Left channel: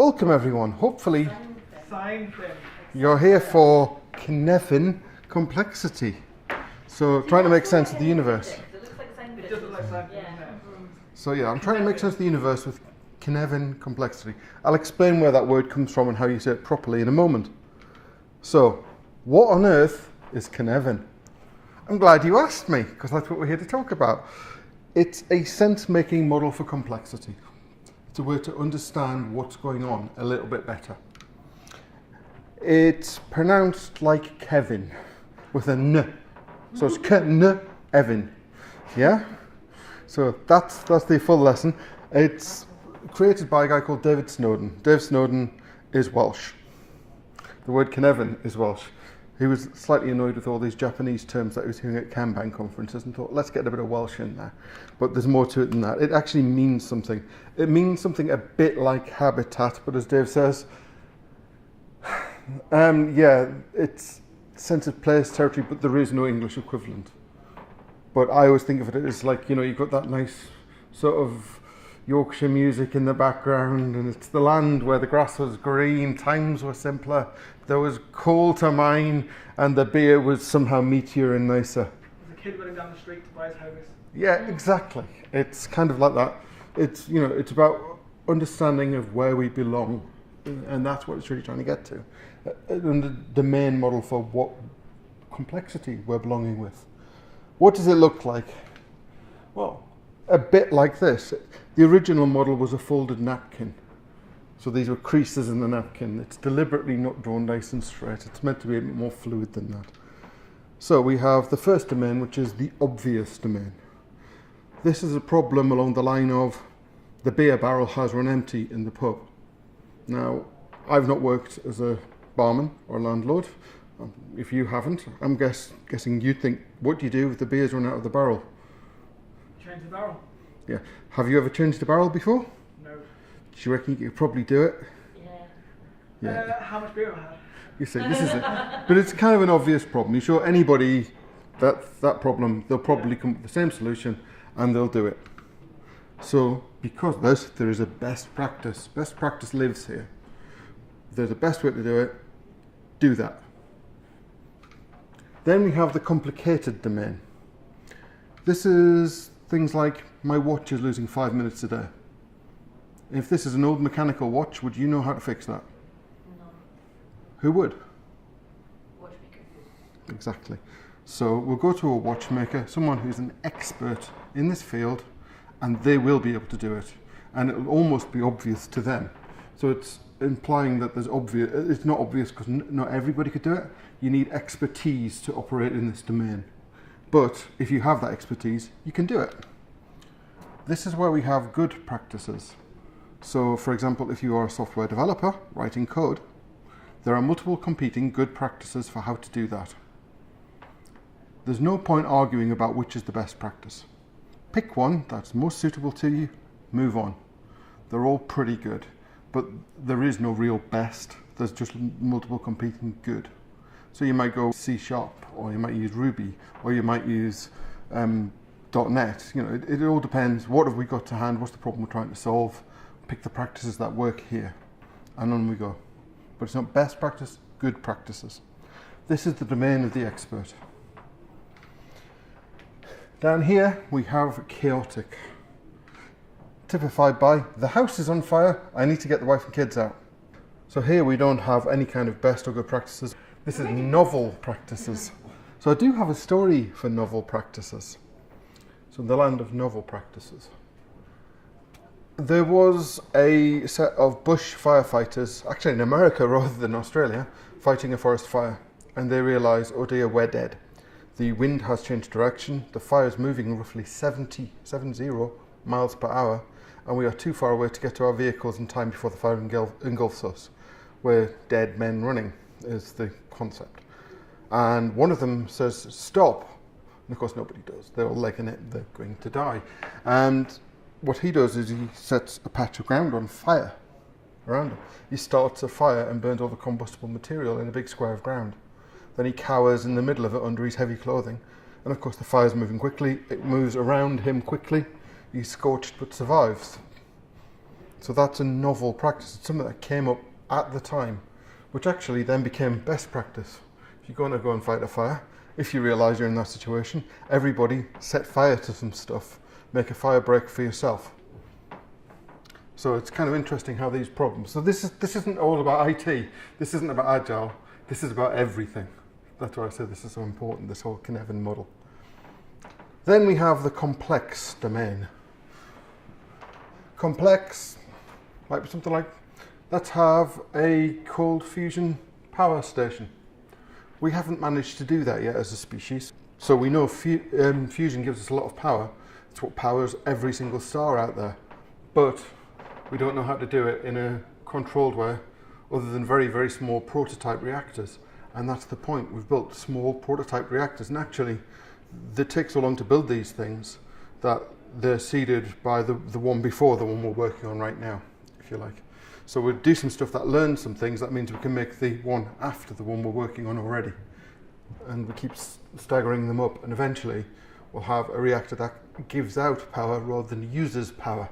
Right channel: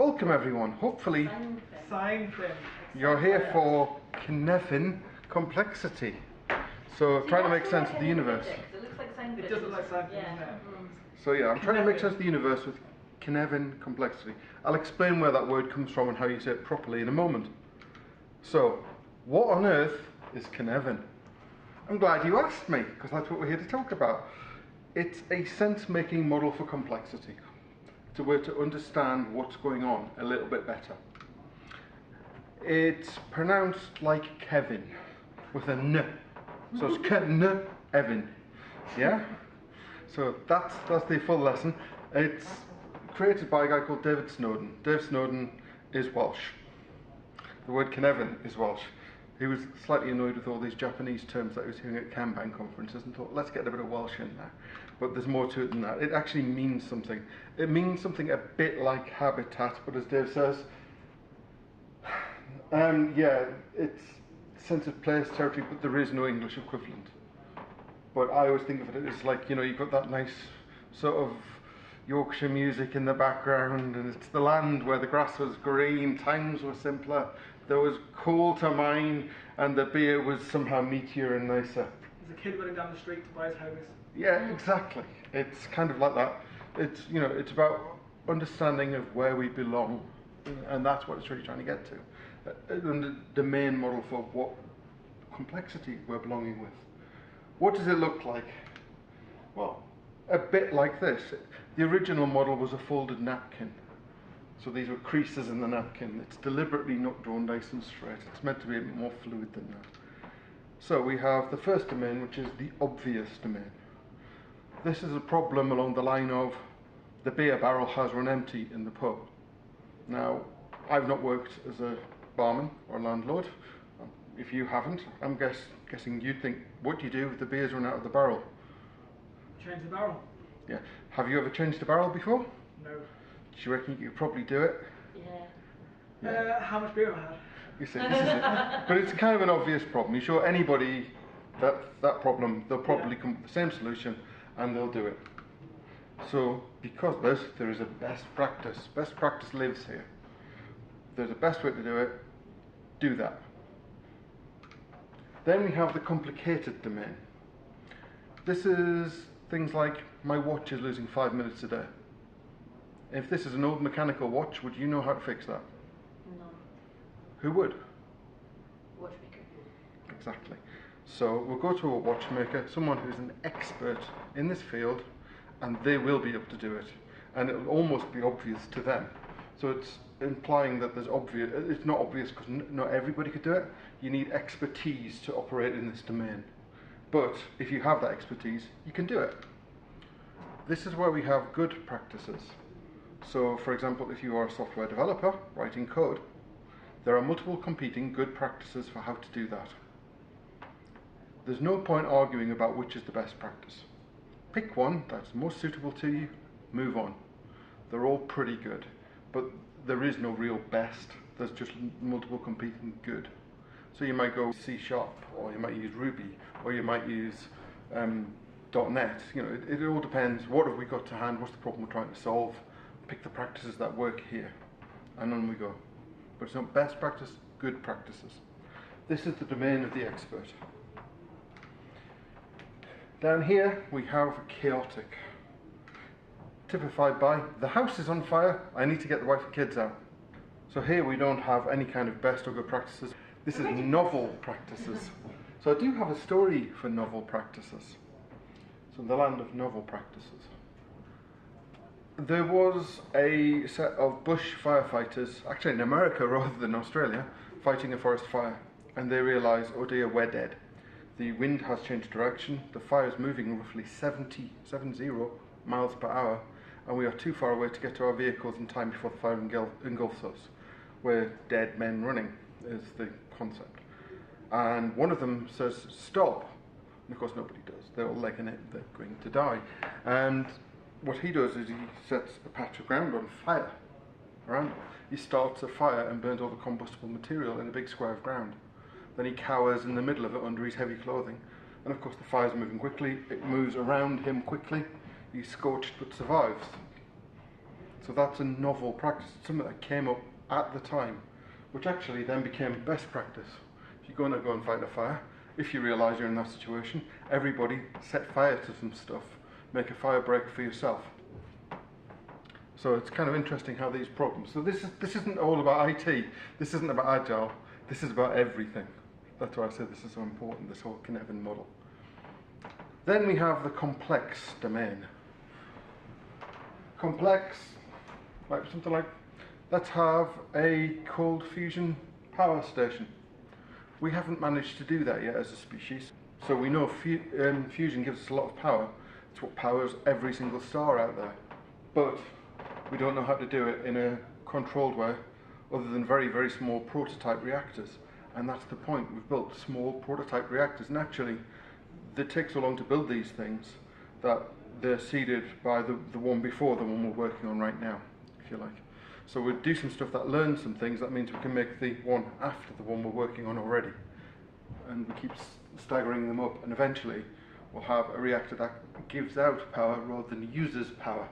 Welcome everyone. Hopefully Sign thing. you're here for Cynefin complexity. So trying to make sense of the universe. It looks like a sign. It does look like sign thing, Yeah. doesn't it? So yeah, I'm trying to make sense of the universe with Cynefin complexity. I'll explain where that word comes from and how you say it properly in a moment. So, what on earth is Cynefin? I'm glad you asked me, because that's what we're here to talk about. It's a sense-making model for complexity. It's a way to understand what's going on a little bit better. It's pronounced like Kevin, with a N. So it's Cynefin. Yeah? So that's the full lesson. It's created by a guy called David Snowden. Dave Snowden is Welsh. The word Cynefin is Welsh. He was slightly annoyed with all these Japanese terms that he was hearing at Kanban conferences and thought, let's get a bit of Welsh in there. But there's more to it than that. It actually means something. It means something a bit like habitat, but as Dave says, it's sense of place, territory, but there is no English equivalent. But I always think of it as like, you've got that nice sort of Yorkshire music in the background, and it's the land where the grass was green, times were simpler, there was coal to mine, and the beer was somehow meatier and nicer. There's a kid running down the street to buy his homies. Yeah, exactly. It's kind of like that. It's it's about understanding of where we belong, and that's what it's really trying to get to. And the main model for what complexity we're belonging with. What does it look like? Well, a bit like this. The original model was a folded napkin. So these were creases in the napkin. It's deliberately not drawn nice and straight. It's meant to be a bit more fluid than that. So we have the first domain, which is the obvious domain. This is a problem along the line of the beer barrel has run empty in the pub. Now, I've not worked as a barman or landlord. If you haven't, I'm guessing you'd think, what do you do if the beer's run out of the barrel? Change the barrel. Yeah. Have you ever changed a barrel before? No. Do you reckon you could probably do it? Yeah. How much beer have I had? You see, this is it. But it's kind of an obvious problem. You show anybody that problem, they'll probably come up with the same solution and they'll do it. So, because of this, there is a best practice. Best practice lives here. If there's a best way to do it, do that. Then we have the complicated domain. This is things like, my watch is losing 5 minutes a day. If this is an old mechanical watch, would you know how to fix that? No. Who would? Watchmaker. Exactly. So we'll go to a watchmaker, someone who's an expert in this field, and they will be able to do it. And it'll almost be obvious to them. So it's implying that it's not obvious because not everybody could do it. You need expertise to operate in this domain. But if you have that expertise, you can do it. This is where we have good practices. So for example, if you are a software developer writing code, there are multiple competing good practices for how to do that. There's no point arguing about which is the best practice. Pick one that's most suitable to you, move on. They're all pretty good, but there is no real best. There's just multiple competing good. So you might go C#, or you might use Ruby, or you might use .NET. It all depends. What have we got to hand? What's the problem we're trying to solve? Pick the practices that work here, and on we go. But it's not best practice, good practices. This is the domain of the expert. Down here we have chaotic, typified by the house is on fire, I need to get the wife and kids out. So here we don't have any kind of best or good practices. This is novel practices. So I do have a story for novel practices. So the land of novel practices. There was a set of bush firefighters, actually in America rather than Australia, fighting a forest fire. And they realised, oh dear, we're dead. The wind has changed direction, the fire is moving roughly 70 miles per hour, and we are too far away to get to our vehicles in time before the fire engulfs us. We're dead men running, is the concept. And one of them says, stop. And of course nobody does. They're all legging it, they're going to die. And what he does is he sets a patch of ground on fire around him. He starts a fire and burns all the combustible material in a big square of ground. Then he cowers in the middle of it under his heavy clothing. And of course the fire's moving quickly, it moves around him quickly. He's scorched but survives. So that's a novel practice. It's something that came up at the time, which actually then became best practice. If you're going to go and fight a fire, if you realise you're in that situation, everybody set fire to some stuff. Make a fire break for yourself. So it's kind of interesting how these problems. So this isn't all about IT. This isn't about Agile. This is about everything. That's why I say this is so important, this whole Cynefin model. Then we have the complex domain. Complex, might be something like, let's have a cold fusion power station. We haven't managed to do that yet as a species. So we know fusion gives us a lot of power. It's what powers every single star out there. But we don't know how to do it in a controlled way other than very, very small prototype reactors. And that's the point. We've built small prototype reactors. And actually, they take so long to build these things that they're seeded by the one before the one we're working on right now, if you like. So we'll do some stuff that learns some things. That means we can make the one after the one we're working on already. And we keep staggering them up. And eventually, we'll have a reactor that gives out power rather than uses power.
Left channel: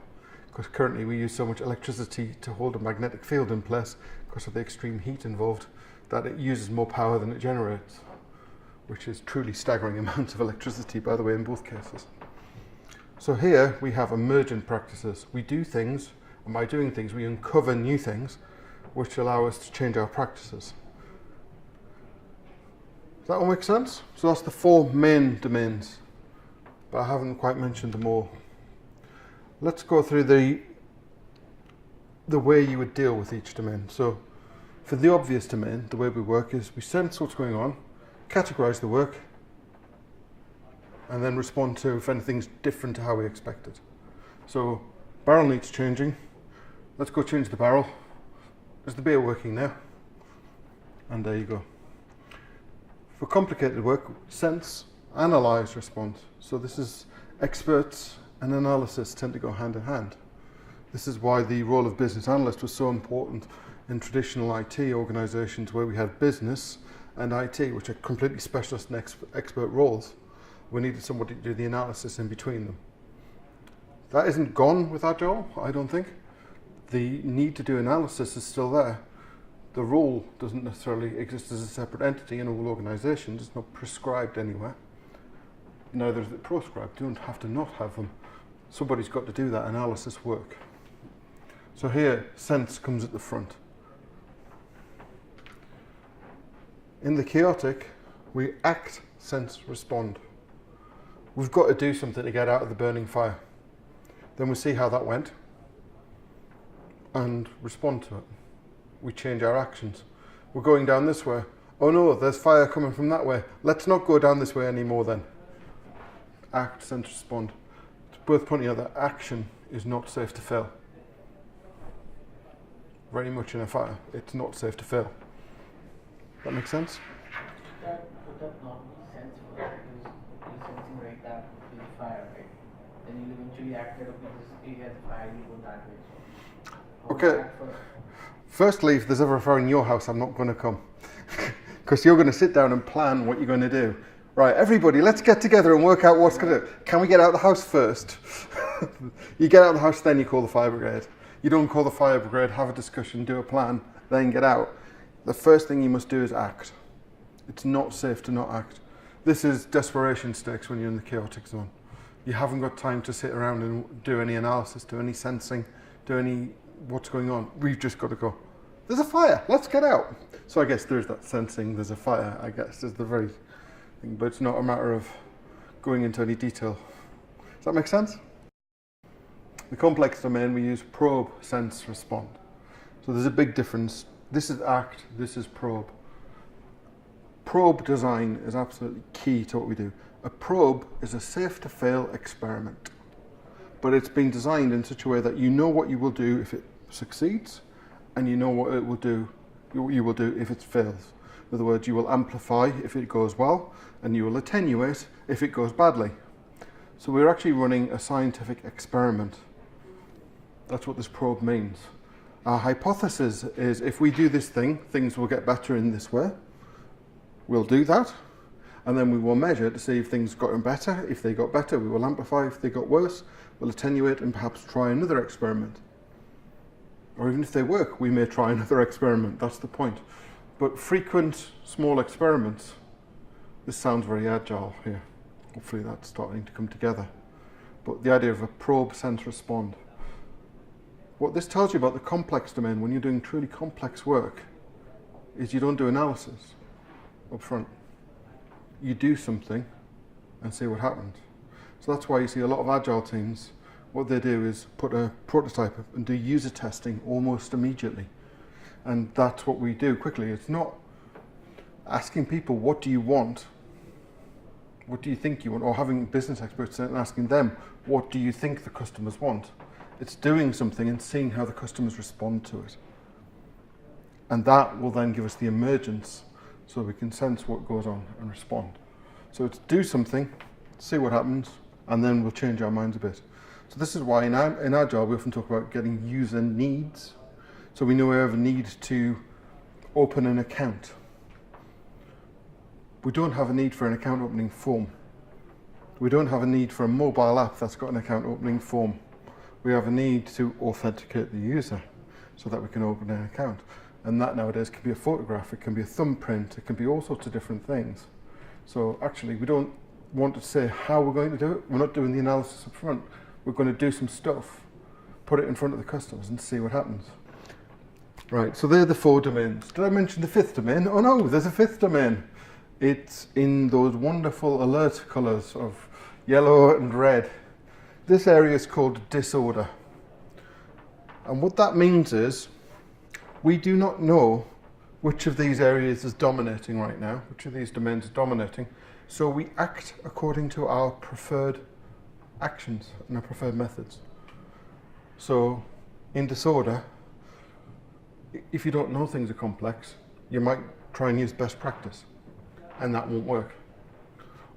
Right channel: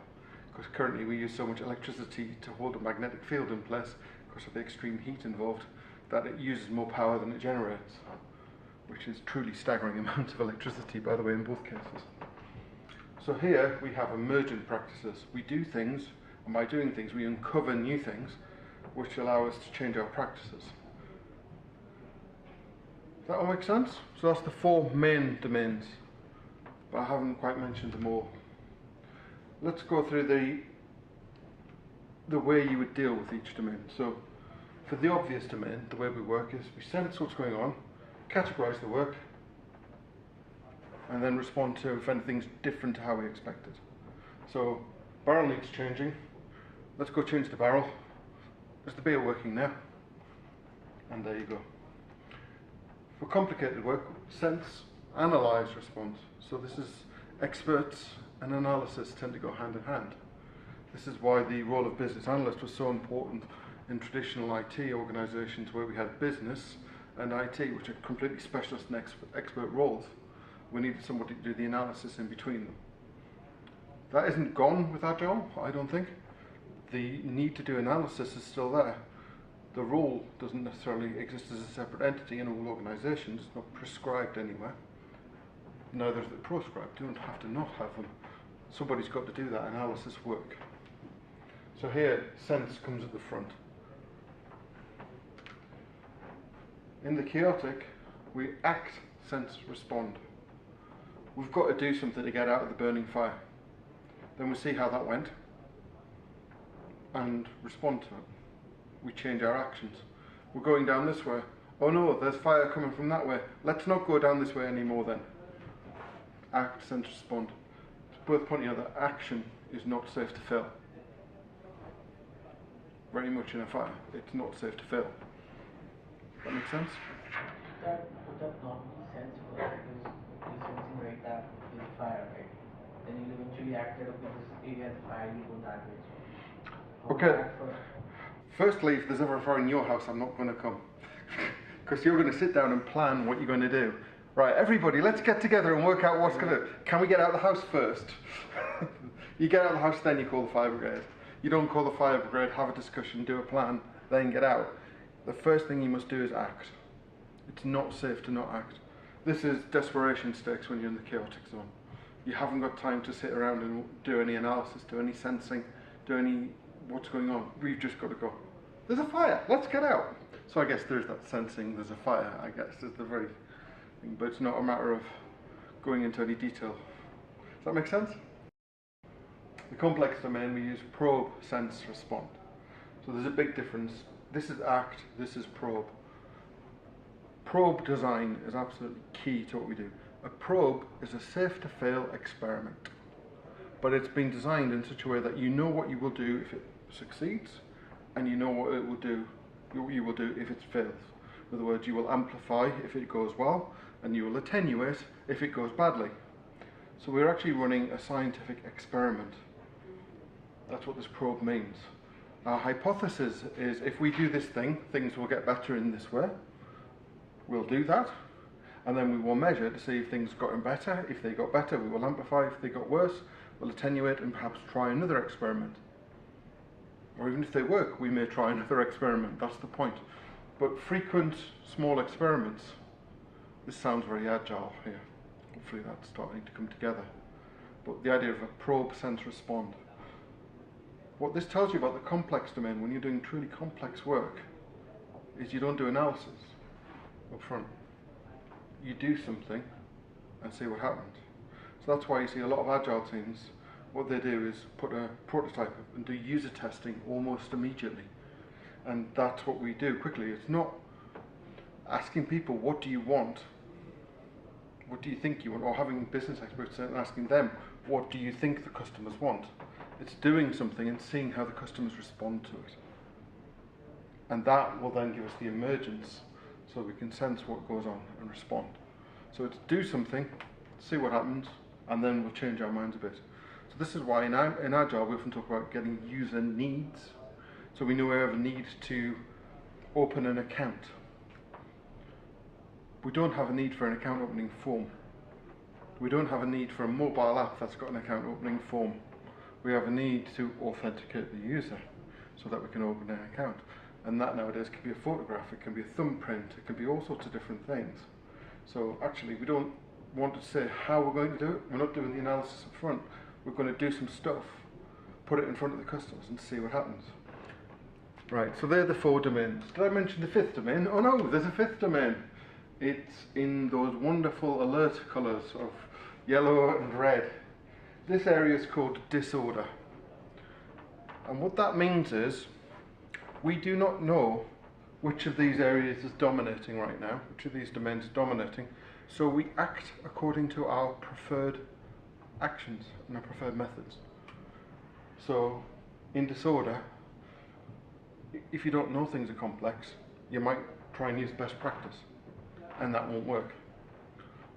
Because currently we use so much electricity to hold a magnetic field in place because of the extreme heat involved that it uses more power than it generates, which is truly staggering amounts of electricity, by the way, in both cases. So here we have emergent practices. We do things, and by doing things we uncover new things which allow us to change our practices. Does that all make sense? So that's the 4 main domains, but I haven't quite mentioned them all. Let's go through the way you would deal with each domain. So for the obvious domain, the way we work is we sense what's going on, categorize the work, and then respond to if anything's different to how we expected. So barrel needs changing. Let's go change the barrel. Is the beer working now? And there you go. For complicated work, sense, analyze, respond. So this is experts and analysis tend to go hand in hand. This is why the role of business analyst was so important in traditional IT organizations where we had business and IT, which are completely specialist and expert roles. We needed somebody to do the analysis in between them. That isn't gone with Agile, I don't think. The need to do analysis is still there. The role doesn't necessarily exist as a separate entity in all organizations. It's not prescribed anywhere. Neither is it proscribed. You don't have to not have them. Somebody's got to do that analysis work. So here, sense comes at the front. In the chaotic, we act, sense, respond. We've got to do something to get out of the burning fire. Then we see how that went and respond to it. We change our actions. We're going down this way. Oh no, there's fire coming from that way. Let's not go down this way anymore then. Act, sense, respond. It's worth pointing out that action is not safe to fail. Very much in a fire, it's not safe to fail. That makes sense? Would that not make sense for that? Because you're sensing right that with fire, right? Then you'll eventually act that okay, this area has fire, you go that way. So okay. Firstly, if there's ever a fire in your house, I'm not going to come. Because you're going to sit down and plan what you're going to do. Right, everybody, let's get together and work out what's going to do. Can we get out of the house first? You get out of the house, then you call the fire brigade. You don't call the fire brigade, have a discussion, do a plan, then get out. The first thing you must do is act. It's not safe to not act. This is desperation stakes when you're in the chaotic zone. You haven't got time to sit around and do any analysis, do any sensing, do any what's going on. We've just got to go. There's a fire, let's get out. So I guess there's that sensing, there's a fire, I guess, is the very thing, but it's not a matter of going into any detail. Does that make sense? The complex domain, we use probe, sense, respond. So there's a big difference. This is act, this is probe. Probe design is absolutely key to what we do. A probe is a safe to fail experiment, but it's been designed in such a way that you know what you will do if it succeeds, and you know what it will do, you will do if it fails. In other words, you will amplify if it goes well, and you will attenuate if it goes badly. So we're actually running a scientific experiment. That's what this probe means. Our hypothesis is if we do this thing, things will get better in this way. We'll do that, and then we will measure to see if things got better. If they got better, we will amplify. If they got worse, we'll attenuate and perhaps try another experiment. or even if they work, we may try another experiment. That's the point. But frequent small experiments, this sounds very agile here. Hopefully that's starting to come together. But the idea of a probe, sense, respond. What this tells you about the complex domain when you're doing truly complex work is you don't do analysis up front. You do something and see what happens. So that's why you see a lot of agile teams, what they do is put a prototype up and do user testing almost immediately. And that's what we do quickly. It's not asking people, what do you want? What do you think you want? Or having business experts and asking them, what do you think the customers want? It's doing something and seeing how the customers respond to it. And that will then give us the emergence so we can sense what goes on and respond. So it's do something, see what happens, and then we'll change our minds a bit. So this is why in Agile we often talk about getting user needs. So we know we have a need to open an account. We don't have a need for an account opening form. We don't have a need for a mobile app that's got an account opening form. We have a need to authenticate the user so that we can open an account. And that nowadays can be a photograph, it can be a thumbprint, it can be all sorts of different things. So actually we don't want to say how we're going to do it. We're not doing the analysis up front. We're going to do some stuff, put it in front of the customers and see what happens. Right, so they're the 4 domains. Did I mention the 5th domain? Oh no, there's a 5th domain. It's in those wonderful alert colours of yellow and red. This area is called disorder. And what that means is we do not know which of these areas is dominating right now, which of these domains is dominating. So we act according to our preferred actions and our preferred methods. So in disorder, if you don't know things are complex, you might try and use best practice, and that won't work.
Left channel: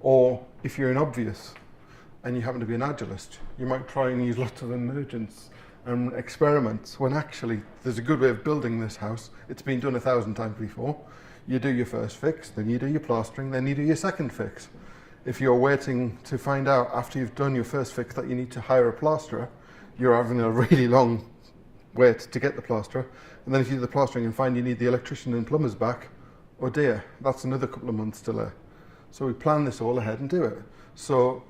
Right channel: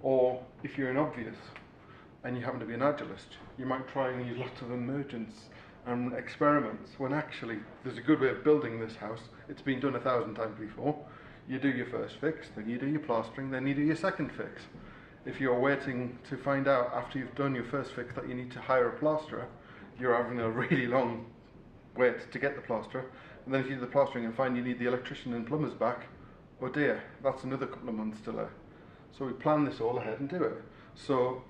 Or if you're in obvious and you happen to be an agilist, you might try and use lots of emergence and experiments when actually there's a good way of building this house. It's been done 1,000 times before. You do your first fix, then you do your plastering, then you do your second fix. If you're waiting to find out after you've done your first fix that you need to hire a plasterer, you're having a really long wait to get the plasterer. And then if you do the plastering and find you need the electrician and plumbers back, oh dear, that's another couple of months delay. So we plan this all ahead and do it. So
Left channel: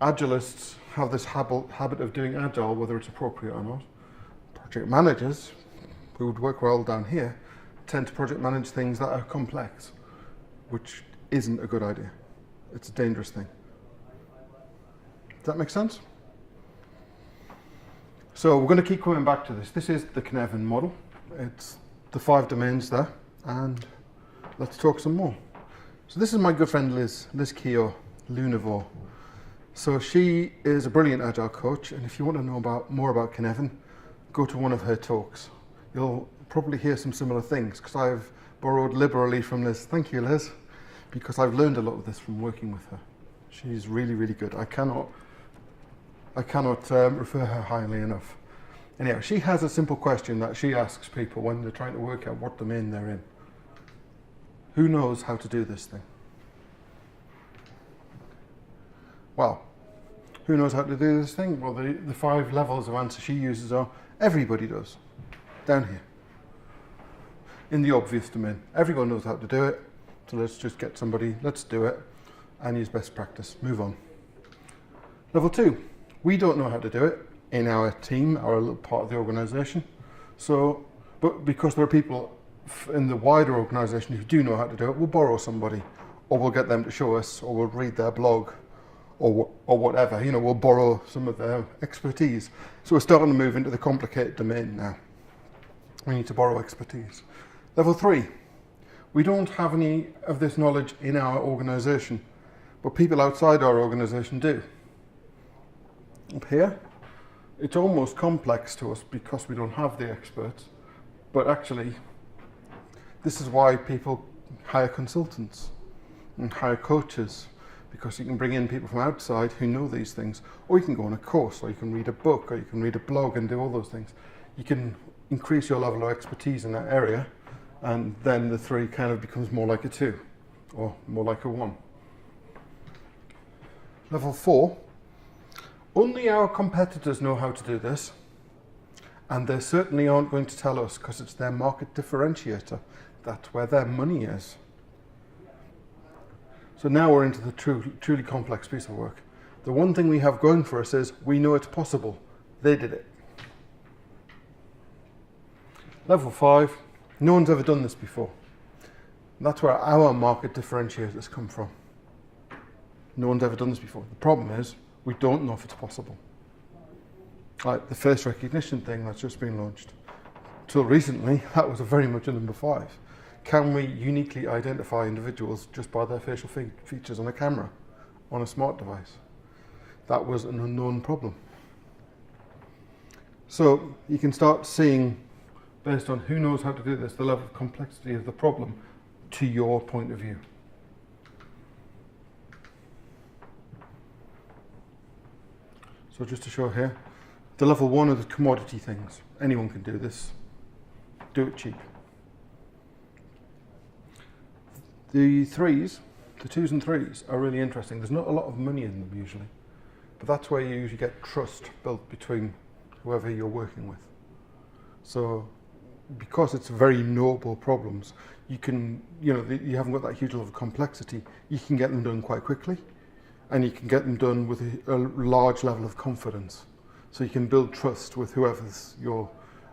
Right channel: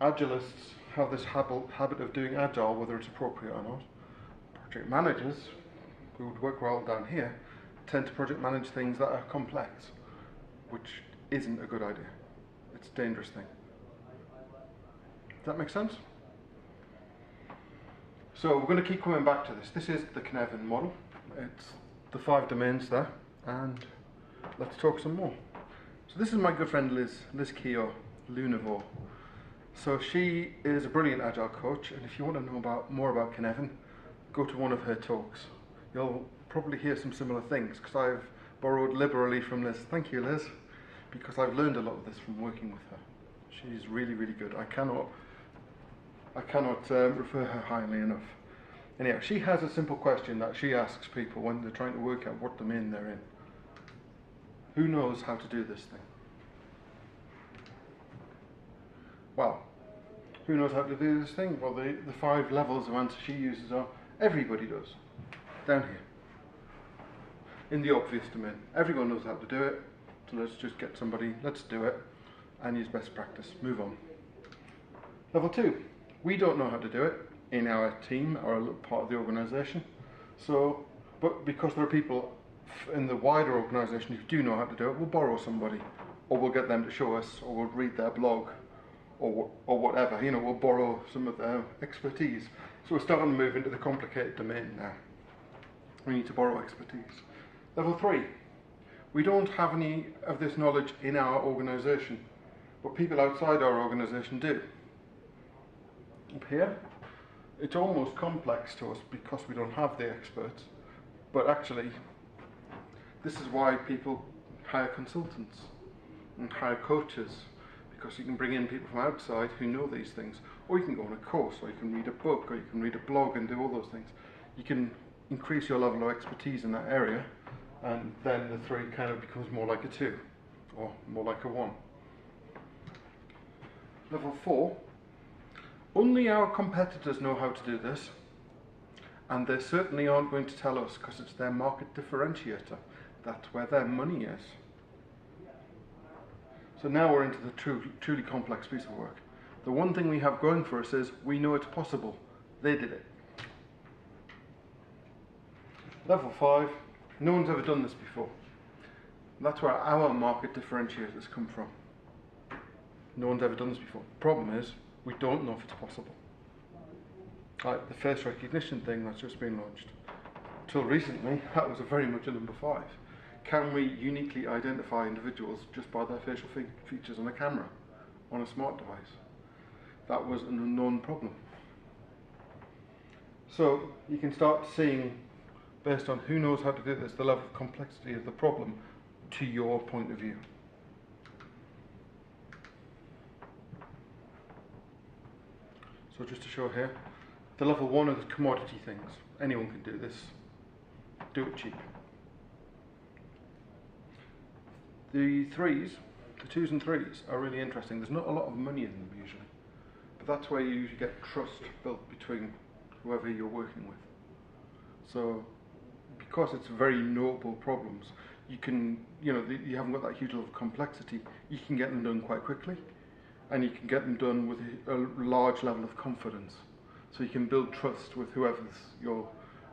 agilists have this habit of doing agile, whether it's appropriate or not. Project managers, who would work well down here, tend to project manage things that are complex, which isn't a good idea. It's a dangerous thing. Does that make sense? So we're going to keep coming back to this. This is the Cynefin model. It's the 5 domains there, and let's talk some more. So this is my good friend Liz Keogh Lunavore. So she is a brilliant agile coach, and if you want to know more about Cynefin, go to one of her talks. You'll probably hear some similar things, because I've borrowed liberally from Liz. Thank you, Liz, because I've learned a lot of this from working with her. She's really, really good. I cannot refer her highly enough. Anyhow, she has a simple question that she asks people when they're trying to work out what domain they're in. Who knows how to do this thing? Well, who knows how to do this thing? Well, the 5 levels of answer she uses are, everybody does, down here. In the obvious domain. Everyone knows how to do it, so let's just get somebody, let's do it, and use best practice, move on. Level 2, we don't know how to do it in our team, our little part of the organisation. So, but because there are people in the wider organisation who do know how to do it, we'll borrow somebody, or we'll get them to show us, or we'll read their blog, or whatever. You know, we'll borrow some of their expertise. So we're starting to move into the complicated domain now. We need to borrow expertise. Level 3, we don't have any of this knowledge in our organisation, but people outside our organisation do. Up here, it's almost complex to us because we don't have the experts, but actually, this is why people hire consultants and hire coaches, because you can bring in people from outside who know these things, or you can go on a course, or you can read a book, or you can read a blog and do all those things. You can increase your level of expertise in that area, and then the 3 kind of becomes more like a 2, or more like a 1. Level 4, only our competitors know how to do this, And they certainly aren't going to tell us because it's their market differentiator. That's where their money is. So now we're into the truly complex piece of work. The one thing we have going for us is we know it's possible. They did it. Level 5, no one's ever done this before. That's where our market differentiators come from. No one's ever done this before. The problem is we don't know if it's possible. Like the face recognition thing that's just been launched. Till recently, that was very much a number 5. Can we uniquely identify individuals just by their facial features on a camera, on a smart device? That was an unknown problem. So you can start seeing, based on who knows how to do this, the level of complexity of the problem to your point of view. So just to show here, the level 1 are the commodity things. Anyone can do this. Do it cheap. The 3s, the 2s and 3s are really interesting. There's not a lot of money in them usually, but that's where you usually get trust built between whoever you're working with. So because it's very noble problems, you can, you haven't got that huge level of complexity, you can get them done quite quickly, and you can get them done with a large level of confidence. So you can build trust with whoever's your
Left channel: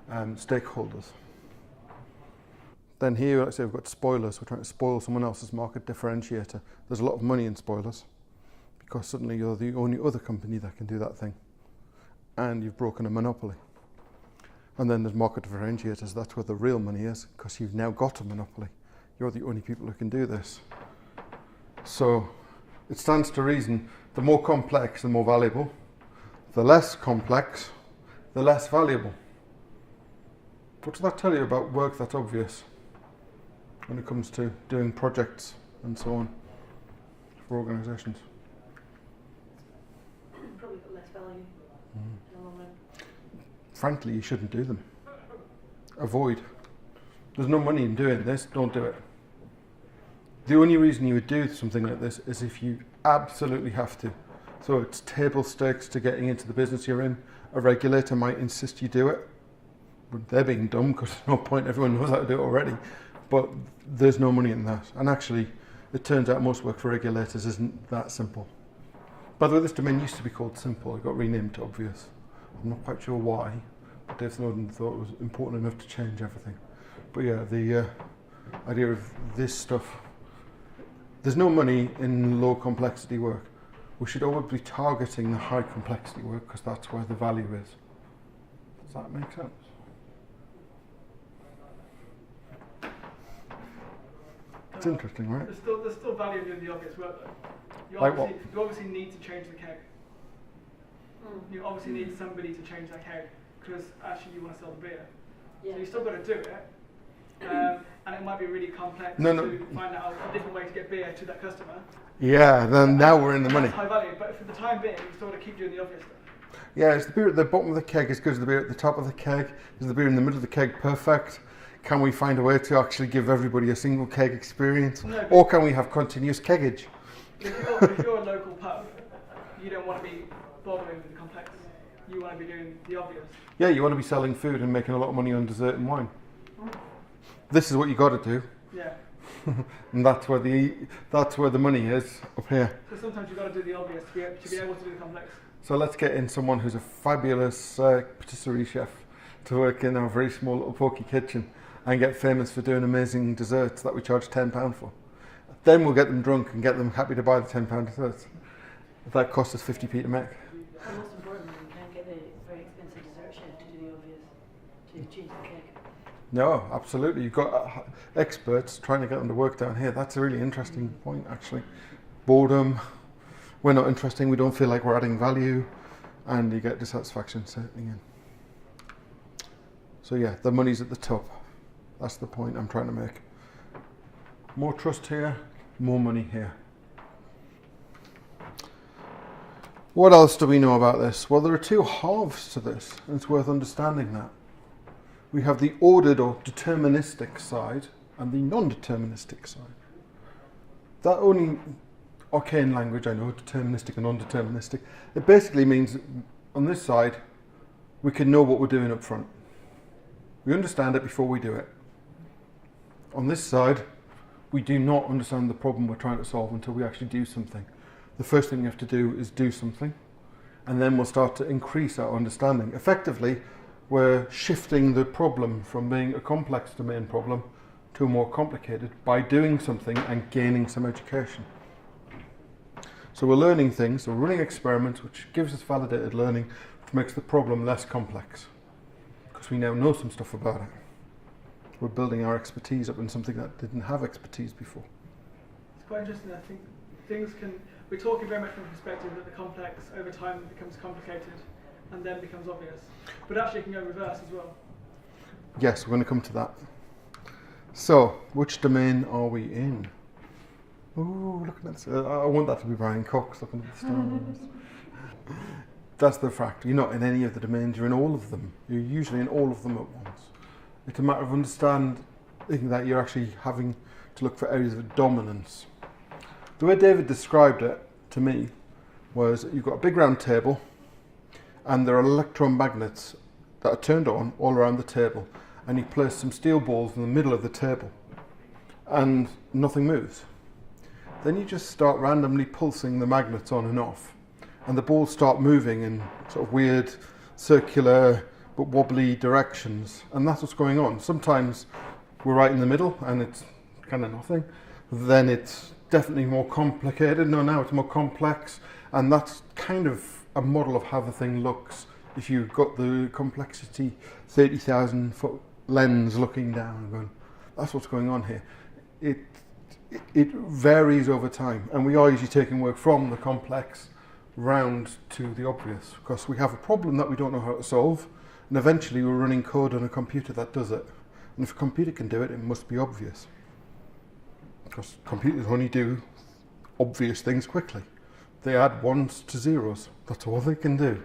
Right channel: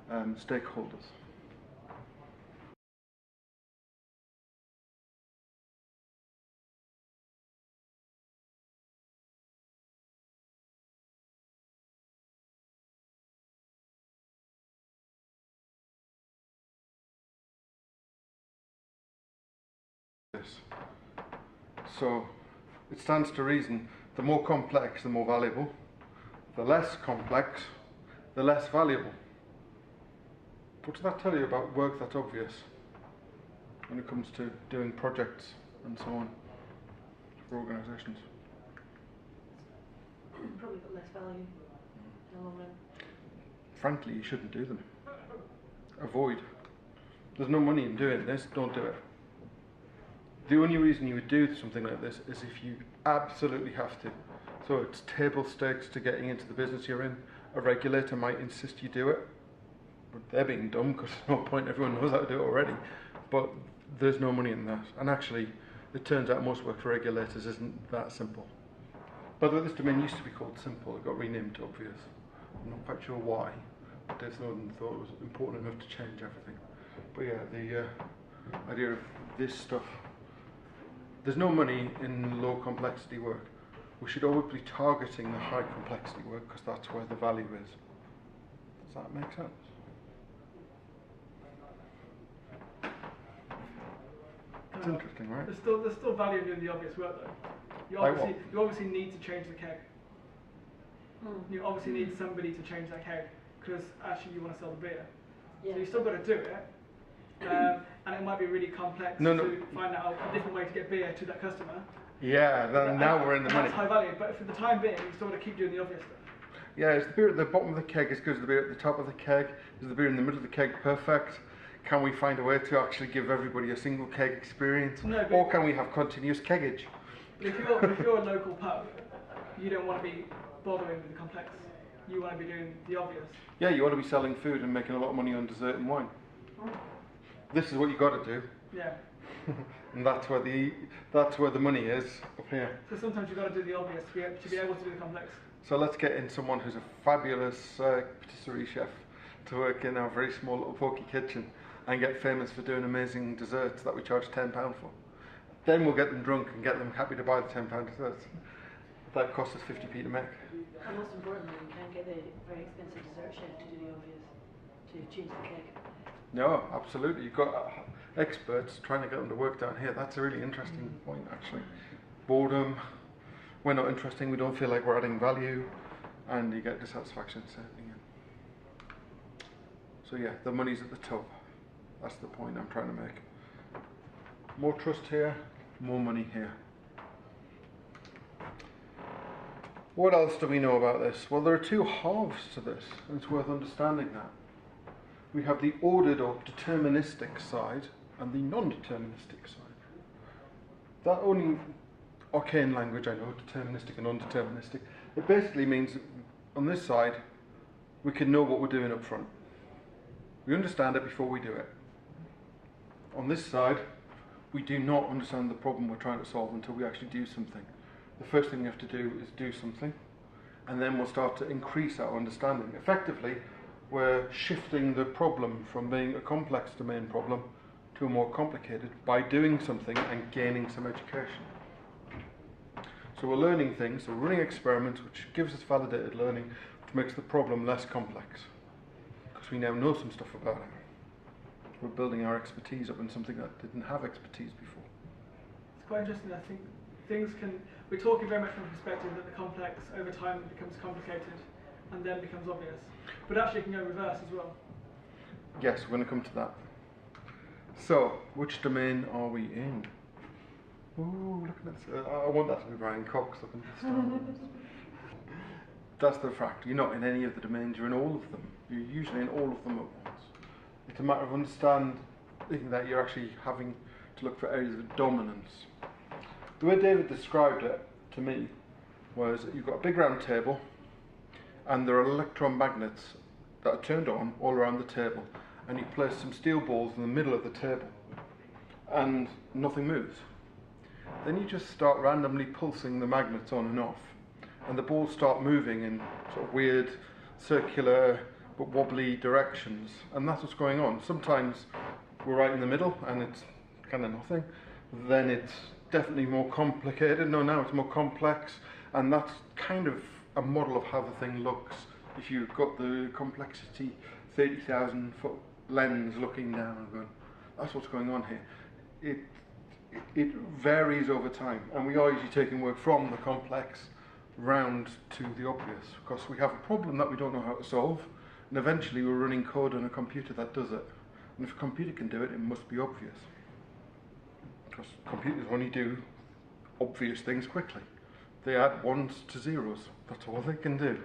stakeholders. Then here, let's say we've got spoilers. We're trying to spoil someone else's market differentiator. There's a lot of money in spoilers because suddenly you're the only other company that can do that thing. And you've broken a monopoly. And then there's market differentiators. That's where the real money is because you've now got a monopoly. You're the only people who can do this. So it stands to reason, the more complex, the more valuable. The less complex, the less valuable. What does that tell you about work that's obvious when it comes to doing projects and so on for organisations? Probably got less value in the long run. Frankly, you shouldn't do them. Avoid. There's no money in doing this, don't do it. The only reason you would do something like this is if you absolutely have to. So it's table stakes to getting into the business you're in. A regulator might insist you do it. But they're being dumb because there's no point, everyone knows how to do it already. But there's no money in that. And actually, it turns out most work for regulators isn't that simple. By the way, this domain used to be called Simple. It got renamed to Obvious. I'm not quite sure why. But Dave Snowden thought it was important enough to change everything. But yeah, the idea of this stuff. There's no money in low complexity work. We should always be targeting the high complexity work because that's where the value is. Does that make sense? It's interesting, right? There's still value in doing the obvious work though. You Like obviously need to change the keg. You obviously need somebody to change that keg because actually you want to sell the beer. Yeah. So you still got to do it. And it might be really complex to find out a different way to get beer to that customer. Yeah, then now we're in the money. That's high value, but for the time being, you still got to keep doing the obvious stuff. Yeah, is the beer at the bottom of the keg as good as the beer at the top of the keg? Is the beer in the middle of the keg perfect? Can we find a way to actually give everybody a single keg experience? No, or can we have continuous keggage? If you're a local pub, you don't want to be bothering with the complex. You want to be doing the obvious. Yeah, you want to be selling food and making a lot of money on dessert and wine. This is what you got to do. Yeah. And that's where the money is, up here. So sometimes you've got to do the obvious to be able to do the complex. So let's get in someone who's a fabulous patisserie chef to work in our very small little pokey kitchen and get famous for doing amazing desserts that we charge £10 for. Then we'll get them drunk and get them happy to buy the £10 desserts. That costs us 50p to make. And most importantly, you can't get a very expensive dessert chef to do the obvious, to change the cake. No, absolutely. You've got experts trying to get them to work down here. That's a really interesting point, actually. Boredom. We're not interesting. We don't feel like we're adding value, and you get dissatisfaction setting in. So yeah, the money's at the top. That's the point I'm trying to make. More trust here, more money here. What else do we know about this? Well, there are two halves to this, and it's worth understanding that. We have the ordered or deterministic side and the non-deterministic side. That only arcane language, I know, deterministic and non-deterministic. It basically means on this side, we can know what we're doing up front. We understand it before we do it. On this side, we do not understand the problem we're trying to solve until we actually do something. The first thing you have to do is do something, and then we'll start to increase our understanding. Effectively, we're shifting the problem from being a complex domain problem to a more complicated by doing something and gaining some education. So we're learning things, so we're running experiments, which gives us validated learning, which makes the problem less complex, because we now know some stuff about it. We're building our expertise up in something that didn't have expertise before. It's quite interesting. I think we're talking very much from the perspective that the complex over time becomes complicated and then becomes obvious. But actually it can go reverse as well. Yes, we're going to come to that. So, which domain are we in? Oh, look at this. I want that to be Brian Cox looking at the stars. That's the fact. You're not in any of the domains, you're in all of them. You're usually in all of them at once. It's a matter of understanding that you're actually having to look for areas of dominance. The way David described it to me was you've got a big round table and there are electromagnets that are turned on all around the table, and you place some steel balls in the middle of the table and nothing moves. Then you just start randomly pulsing the magnets on and off, and the balls start moving in sort of weird circular but wobbly directions, and that's what's going on. Sometimes we're right in the middle and it's kind of nothing. Then it's definitely more complicated. No, now it's more complex, and that's kind of a model of how the thing looks. If you've got the complexity 30,000 foot lens looking down and going, that's what's going on here. It varies over time, and we are usually taking work from the complex round to the obvious, because we have a problem that we don't know how to solve, and eventually we're running code on a computer that does it. And if a computer can do it, it must be obvious, because computers only do obvious things quickly. They add ones to zeros. That's all they can do.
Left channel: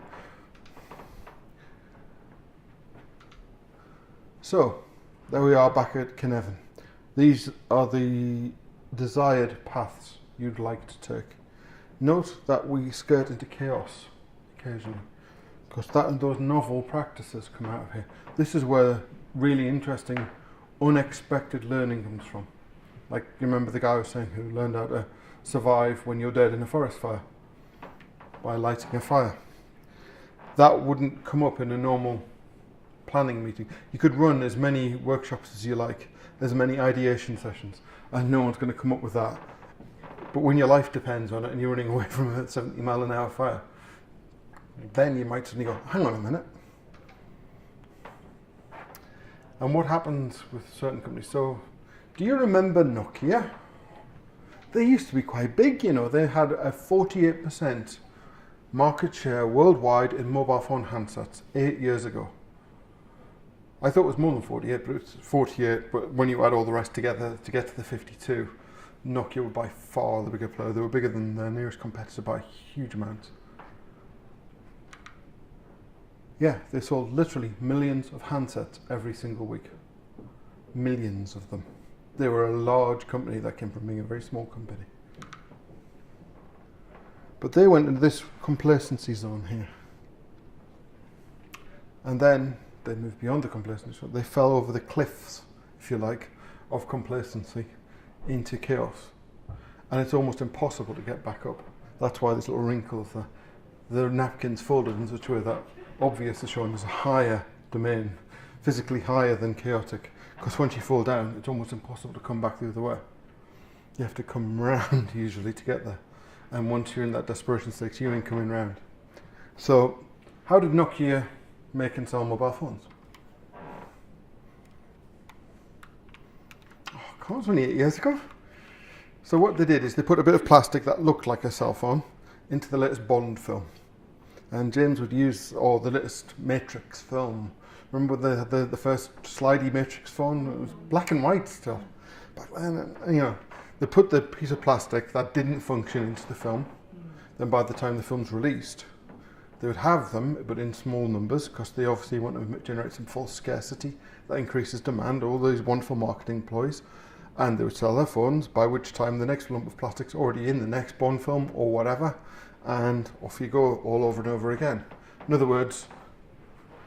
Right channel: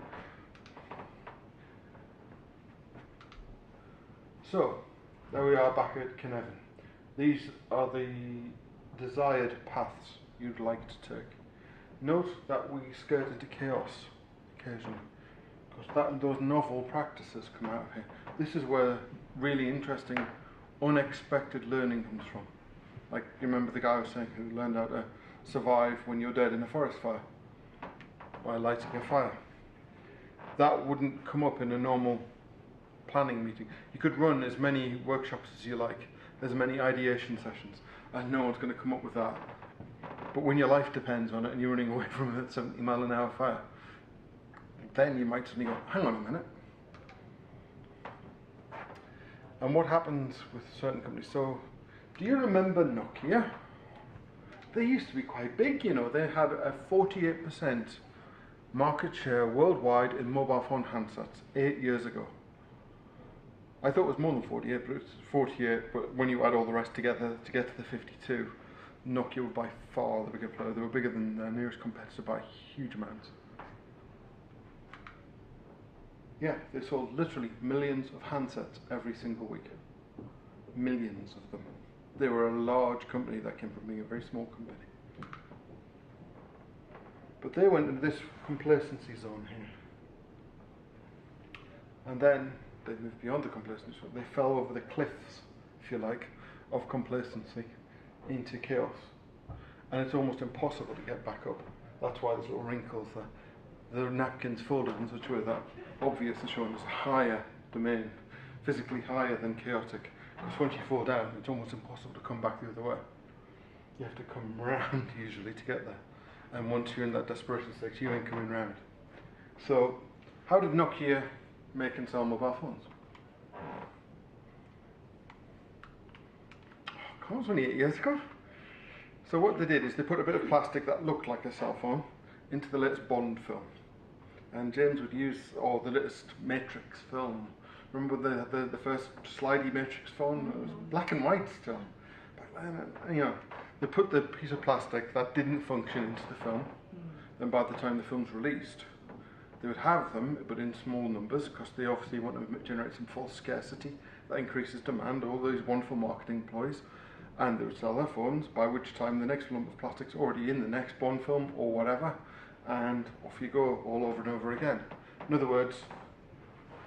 So, there we are back at Cynefin. These are the desired paths you'd like to take. Note that we skirt into chaos occasionally, because that and those novel practices come out of here. This is where really interesting, unexpected learning comes from. Like, you remember the guy I was saying who learned how to survive when you're dead in a forest fire by lighting a fire. That wouldn't come up in a normal planning meeting. You could run as many workshops as you like, as many ideation sessions, and no one's going to come up with that. But when your life depends on it and you're running away from a 70-mile-an-hour fire, then you might suddenly go, hang on a minute. And what happens with certain companies? So, do you remember Nokia? They used to be quite big, you know. They had a 48% market share worldwide in mobile phone handsets 8 years ago. I thought it was more than 48, but it's 48. But when you add all the rest together to get to the 52, Nokia were by far the bigger player. They were bigger than their nearest competitor by huge amounts. Yeah, they sold literally millions of handsets every single week. Millions of them. They were a large company that came from being a very small company. But they went into this complacency zone here. And then they moved beyond the complacency zone. They fell over the cliffs, if you like, of complacency into chaos. And it's almost impossible to get back up. That's why there's little wrinkles there. The napkins folded in such a way that obvious is shown as a higher domain, physically higher than chaotic. Because once you fall down, it's almost impossible to come back the other way. You have to come round usually to get there. And once you're in that desperation state, you ain't coming round. So, how did Nokia make and sell mobile phones? Oh, God, it was only 8 years ago. So what they did is they put a bit of plastic that looked like a cell phone into the latest Bond film. And James would use the latest Matrix film. Remember the first slidey Matrix phone? It was black and white still. Back then, you know, they put the piece of plastic that didn't function into the film. Then by the time the film's released, they would have them, but in small numbers, because they obviously want to generate some false scarcity that increases demand, all those wonderful marketing ploys. And they would sell their phones, by which time the next lump of plastic's already in the next Bond film or whatever, and off you go all over and over again. In other words,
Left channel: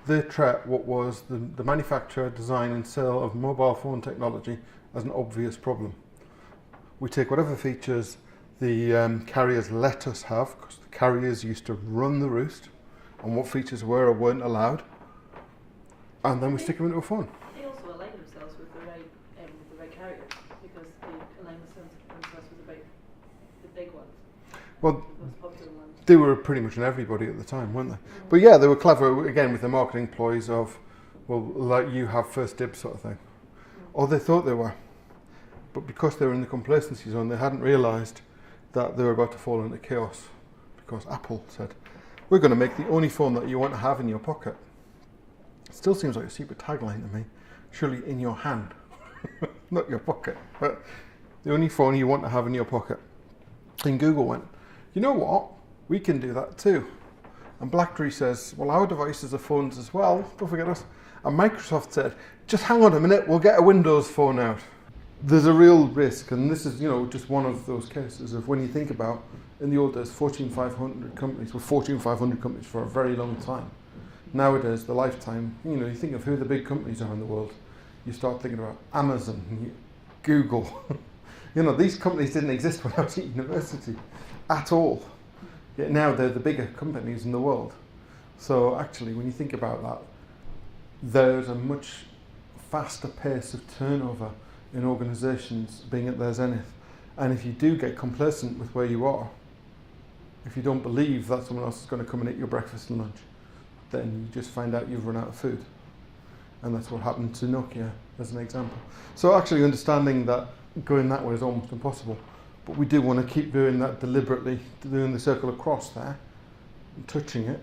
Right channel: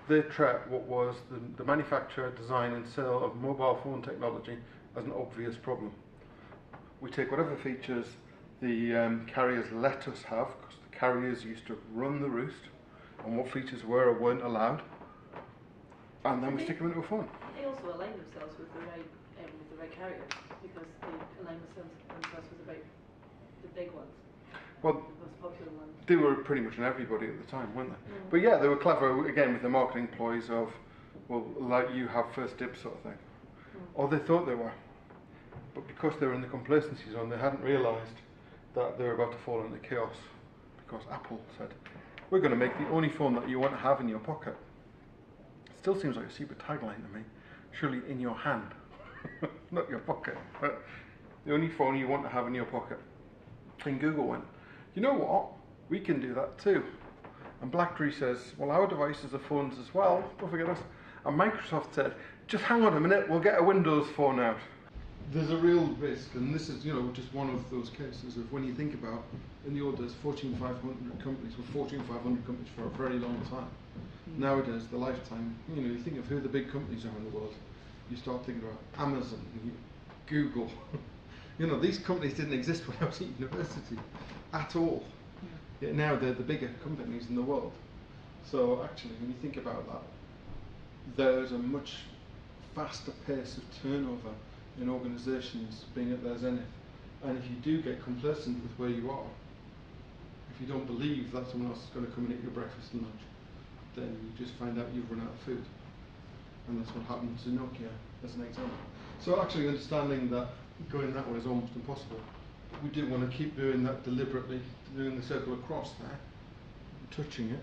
they treat what was the manufacture, design and sale of mobile phone technology as an obvious problem. We take whatever features the carriers let us have, because the carriers used to run the roost on what features were or weren't allowed, and then we stick them into a phone. They also align themselves with the right carrier, because they align themselves with the big ones, Well, the most popular ones. they were pretty much on everybody at the time, weren't they? But yeah, they were clever, again, with the marketing ploys of, well, like you have first dibs sort of thing. Or they thought they were. But because they were in the complacency zone, they hadn't realised that they were about to fall into chaos. Because Apple said, we're going to make the only phone that you want to have in your pocket. It still seems like a secret tagline to me. Surely in your hand, not your pocket. But the only phone you want to have in your pocket. And Google went, you know what? We can do that too. And BlackBerry says, well, our devices are phones as well. Don't forget us. And Microsoft said, just hang on a minute, we'll get a Windows phone out. There's a real risk, and this is, just one of those cases of when you think about, in the old days, Fortune 500 companies were Fortune 500 companies for a very long time. Nowadays, the lifetime, you think of who the big companies are in the world. You start thinking about Amazon, Google. These companies didn't exist when I was at university at all. Yet now they're the bigger companies in the world. So actually, when you think about that, there's a much faster pace of turnover in organisations being at their zenith. And if you do get complacent with where you are, if you don't believe that someone else is going to come and eat your breakfast and lunch, then you just find out you've run out of food. And that's what happened to Nokia, as an example. So actually understanding that going that way is almost impossible. But we do want to keep doing that deliberately, doing the circle across there, and touching it,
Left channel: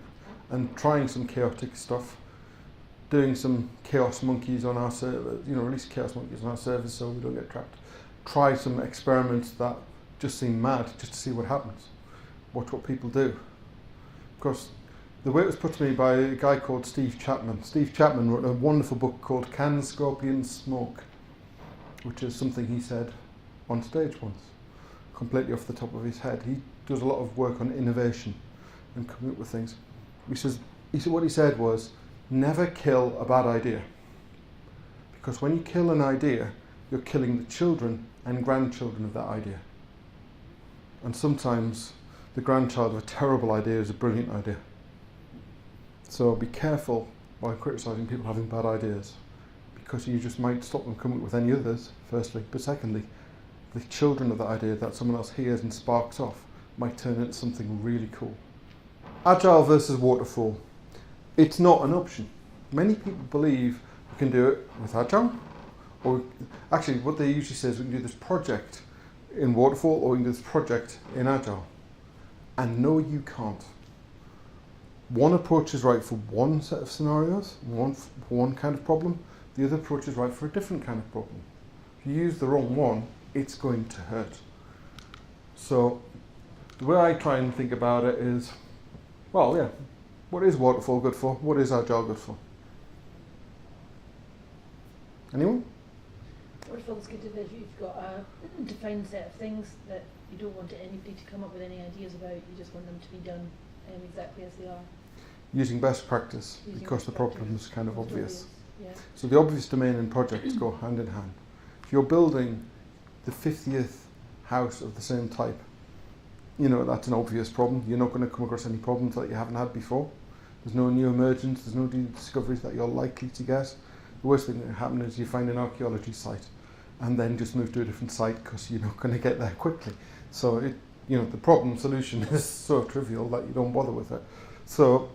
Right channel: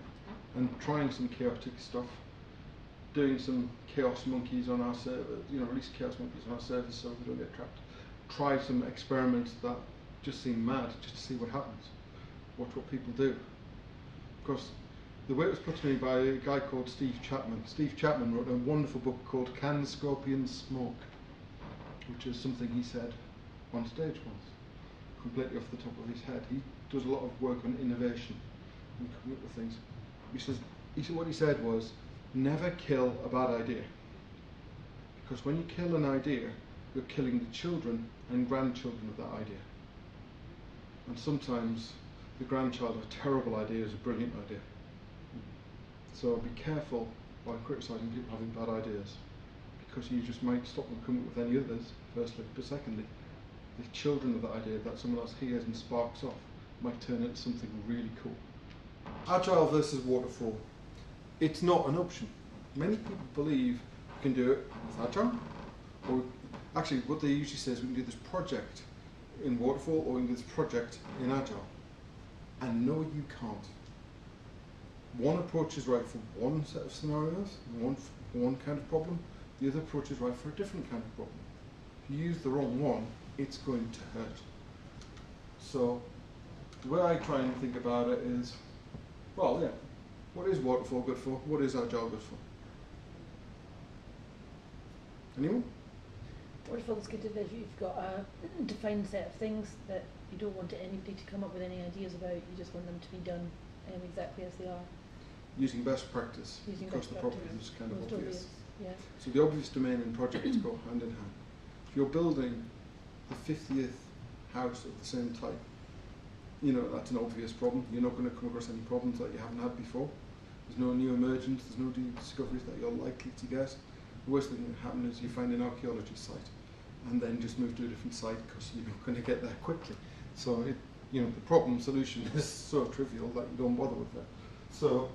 and trying some chaotic stuff, doing some chaos monkeys on our server, release chaos monkeys on our servers so we don't get trapped. Try some experiments that just seem mad, just to see what happens. Watch what people do. Of course, the way it was put to me by a guy called Steve Chapman. Steve Chapman wrote a wonderful book called Can Scorpions Smoke, which is something he said on stage once, completely off the top of his head. He does a lot of work on innovation and coming up with things. What he said was, never kill a bad idea. Because when you kill an idea, you're killing the children and grandchildren of that idea. And sometimes the grandchild of a terrible idea is a brilliant idea. So be careful while criticising people having bad ideas, because you just might stop them coming up with any others, firstly. But secondly, the children of that idea that someone else hears and sparks off might turn into something really cool. Agile versus waterfall. It's not an option. Many people believe you can do it with Agile, or actually what they usually say is we can do this project in waterfall or we can do this project in Agile. And no, you can't. One approach is right for one set of scenarios, one kind of problem. The other approach is right for a different kind of problem. If you use the wrong one, it's going to hurt. So the way I try and think about it is, what is waterfall good for? What is Agile good for? Anyone? Waterfall's good if you've got a defined set of things that you don't want anybody to come up with any ideas about. You just want them to be done exactly as they are. Using best practice, because the problem is kind of Most obvious. Yeah. So the obvious domain and projects go hand in hand. If you're building the 50th house of the same type, that's an obvious problem. You're not going to come across any problems that you haven't had before. There's no new emergence, there's no new discoveries that you're likely to get. The worst thing that can happen is you find an archaeology site and then just move to a different site because you're not going to get there quickly. So the problem solution is so trivial that you don't bother with it. So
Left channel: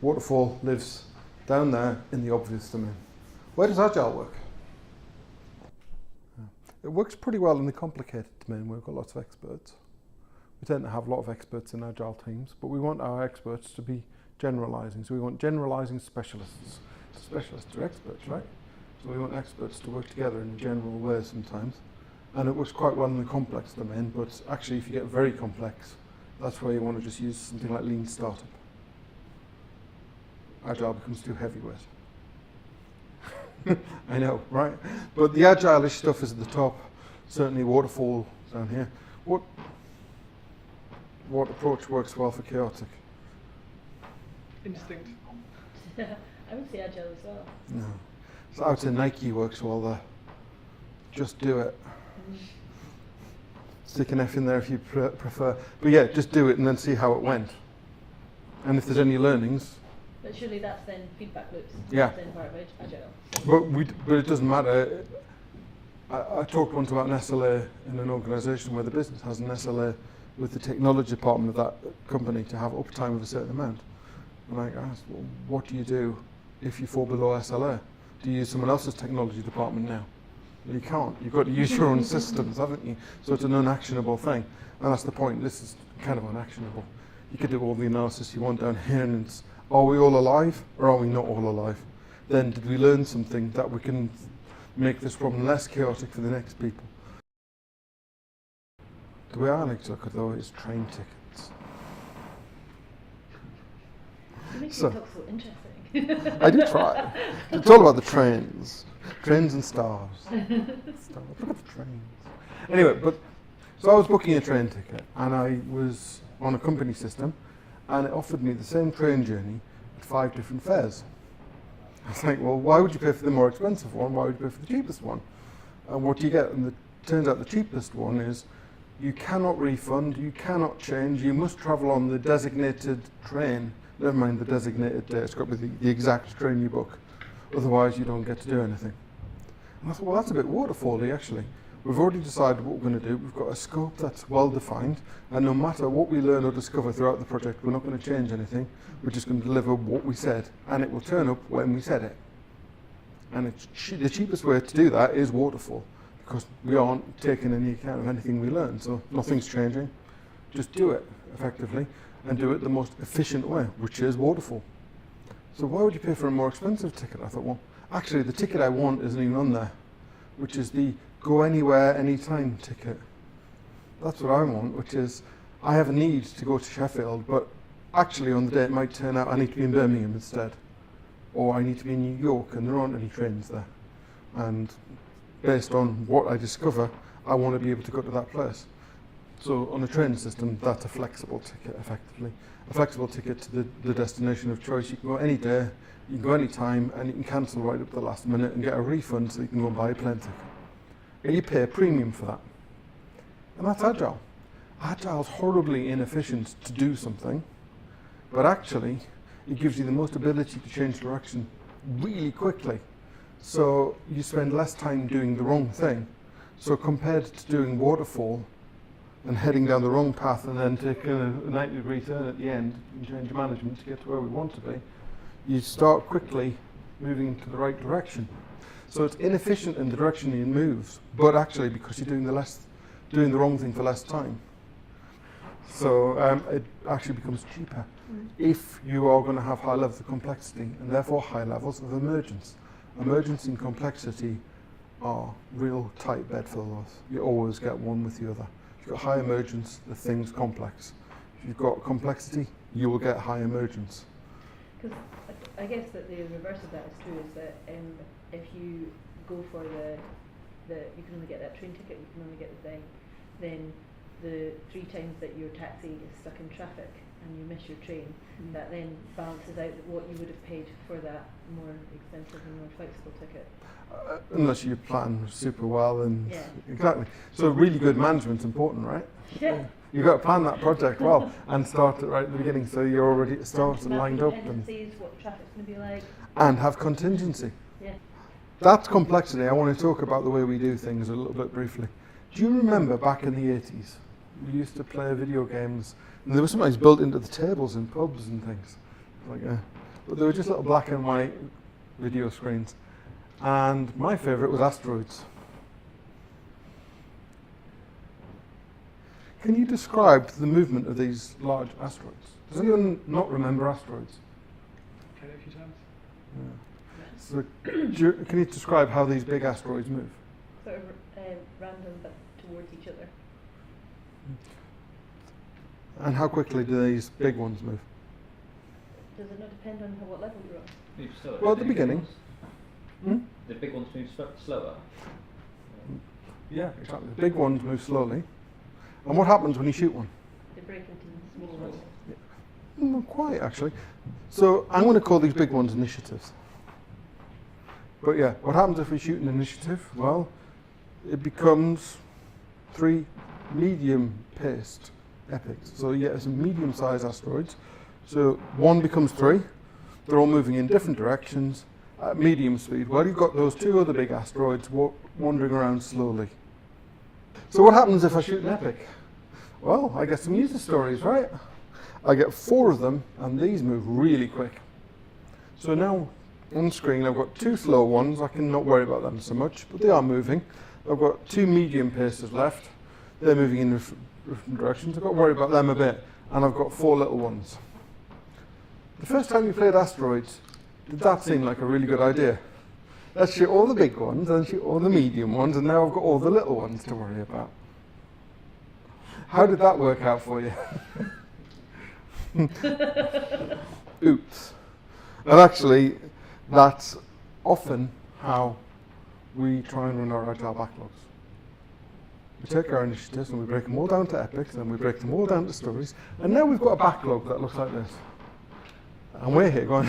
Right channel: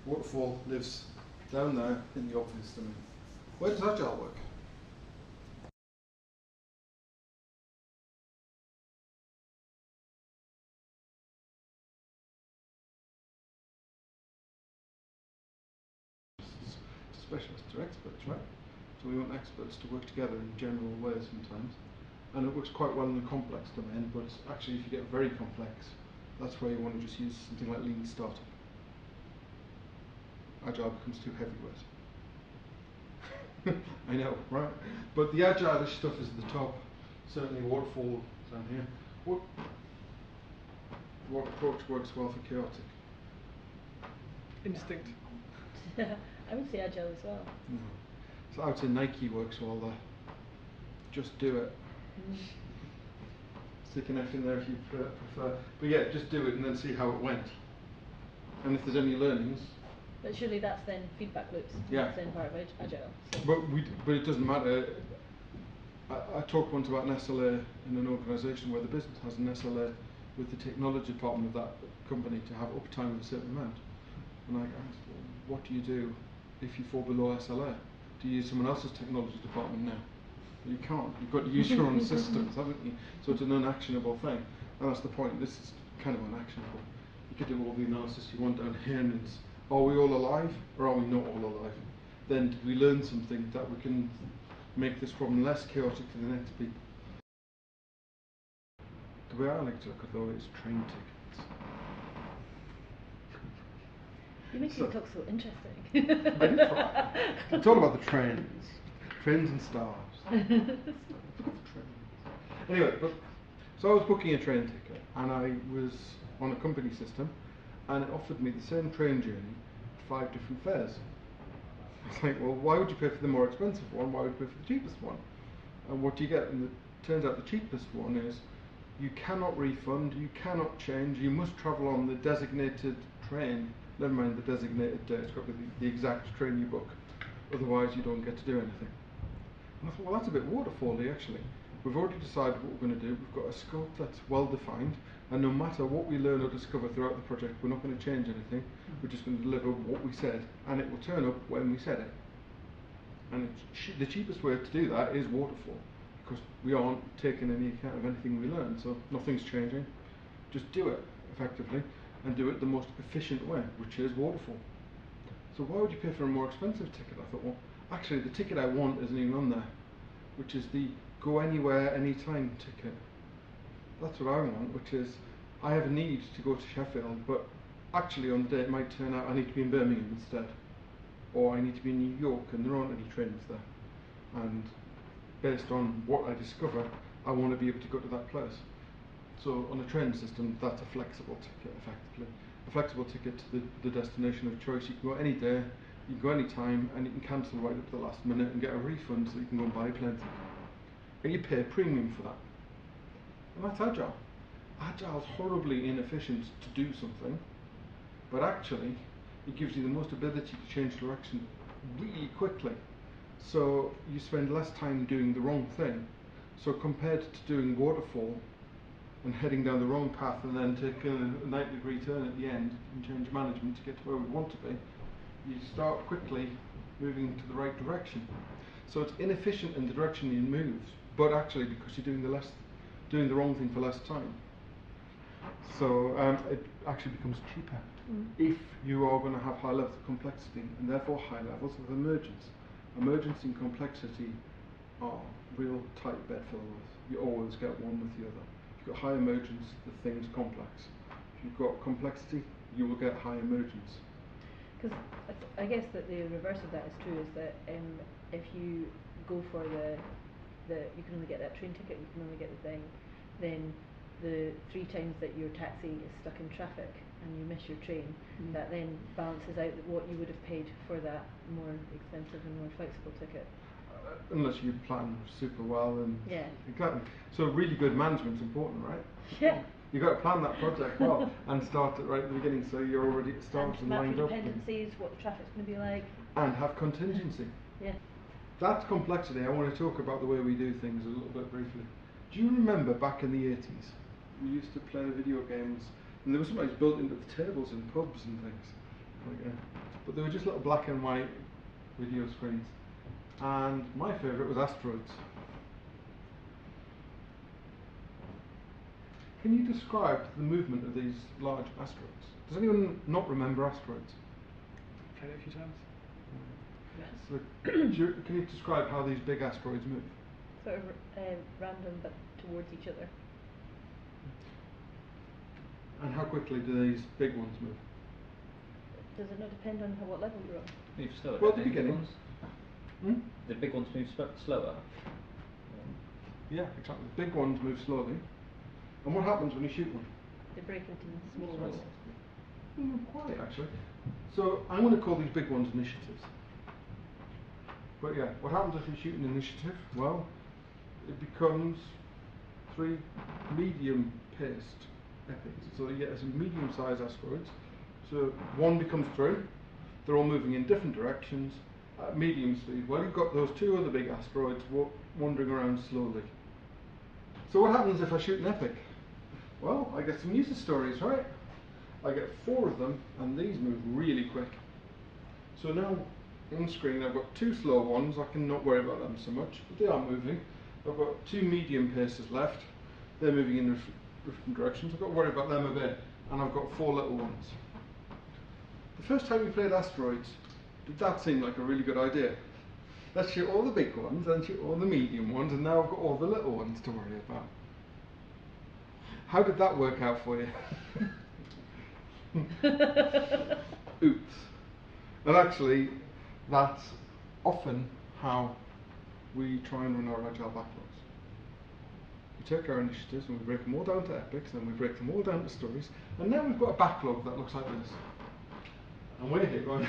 waterfall lives down there in the obvious domain. Where does Agile work? It works pretty well in the complicated domain where we've got lots of experts. We tend to have a lot of experts in Agile teams, but we want our experts to be generalising. So we want generalising specialists. Specialists are experts, right? So we want experts to work together in general ways sometimes. And it works quite well in the complex domain, but actually if you get very complex, that's where you want to just use something like Lean Startup. Agile becomes too heavyweight. I know, right? But the Agile-ish stuff is at the top. Certainly waterfall down here. What approach works well for chaotic? Instinct. I would say agile as well. No. So I would say Nike works well there. Just do it. Stick an F in there if you prefer. But yeah, just do it and then see how it went. And if there's any learnings. But surely that's then feedback loops. Yeah. That's then part of agile. But it doesn't matter. I talked once about an SLA in an organisation where the business has an SLA with the technology department of that company to have uptime of a certain amount. And I asked, well, what do you do if you fall below SLA? Do you use someone else's technology department now? You can't. You've got to use your own systems, haven't you? So it's an unactionable thing. And that's the point. This is kind of unactionable. You could do all the analysis you want down here, and it's, are we all alive or are we not all alive? Then did we learn something that we can make this problem less chaotic for the next people? The way I like to look at though is train tickets. You make So- it talk so interesting. I did try. It's all about the trains. Trains and stars. Trains. Anyway, so I was booking a train ticket and I was on a company system and it offered me the same train journey at 5 different fares. I was like, well, why would you pay for the more expensive one? Why would you pay for the cheapest one? And what do you get? And it turns out the cheapest one is you cannot refund, you cannot change, you must travel on the designated train. Never mind the designated day, it's got to be the exact train you book. Otherwise you don't get to do anything. And I thought, well, that's a bit waterfally actually. We've already decided what we're going to do. We've got a scope that's well defined, and no matter what we learn or discover throughout the project, we're not going to change anything. We're just going to deliver what we said, and it will turn up when we said it. And the cheapest way to do that is waterfall, because we aren't taking any account of anything we learn, so nothing's changing. Just do it effectively, and do it the most efficient way, which is waterfall. So why would you pay for a more expensive ticket? I thought, well, actually the ticket I want isn't even on there, which is the go anywhere, anytime ticket. That's what I want, which is I have a need to go to Sheffield, but actually on the day it might turn out I need to be in Birmingham instead. Or I need to be in New York and there aren't any trains there. And based on what I discover, I want to be able to go to that place. So on a train system, that's a flexible ticket effectively. A flexible ticket to the destination of choice. You can go any day, you can go any time, and you can cancel right up to the last minute and get a refund so you can go and buy a plane ticket. And you pay a premium for that. And that's agile. Agile's horribly inefficient to do something, but actually it gives you the most ability to change direction really quickly. So you spend less time doing the wrong thing. So compared to doing waterfall and heading down the wrong path and then taking a 90-degree turn at the end and change management to get to where we want to be, you start quickly moving to the right direction. So it's inefficient in the direction you move, but actually because you're doing the wrong thing for less time. So it actually becomes cheaper if you are going to have high levels of complexity and therefore high levels of emergence. Emergence and complexity are real tight bedfellows. You always get one with the other. If you've got high emergence, the thing's complex. If you've got complexity, you will get high emergence. Because I guess that the reverse of that is true, is that if you go for the you can only get that train ticket, you can only get the thing, then the 3 times that your taxi is stuck in traffic and you miss your train, that then balances out what you would have paid for that more expensive and more flexible ticket. Unless you plan super well and Yeah. exactly. So really good management's important, right? Yeah. You've got to plan that project well and start it right at the beginning so you're already started Map lined up dependencies, what the traffic's going to be like. and have contingency. Yeah. That's complexity. I want to talk about the way we do things a little bit briefly. Do you remember back in the 80s, we used to play video games and they were sometimes built into the tables in pubs and things. But they were just little black and white video screens. And my favourite was Asteroids. Can you describe the movement of these large asteroids? Does anyone not remember asteroids? Played it a few times. So, can you describe how these big asteroids move? Sort of random but towards each other. And how quickly do these big ones move? Does it not depend on what level you're on? Move slower. Well, at don't the they, big beginning. ones? Hmm? The big ones move slower. Yeah, exactly. The big ones move slowly. And what happens when you shoot one? They break into small Small. ones. Not quite, actually. So I'm going to call these big ones initiatives. But yeah, what happens if we shoot an initiative? Well, it becomes 3 medium-paced epics. So you get some medium-sized asteroids. So 1 becomes 3. They're all moving in different directions at medium speed. Well, you've got those 2 other big asteroids wandering around slowly. So what happens if I shoot an epic? Well, I get some user stories, right? I get 4 of them, and these move really quick. So now, on screen, I've got 2 slow ones. I can not worry about them so much, but they are moving. I've got 2 medium paces left. They're moving in different directions. I've got to worry about them a bit. And I've got 4 little ones. The first time we played asteroids, did that seem like a really good idea? Let's shoot all the big ones, and shoot all the medium ones, and now I've got all the little ones to worry about. How did that work out for you? Oops. And actually, that's often how we try and run our agile backlogs. We take our initiatives and we break them all down to epics, and we break them all down to stories, and now we've got a backlog that looks like this. And we're here going,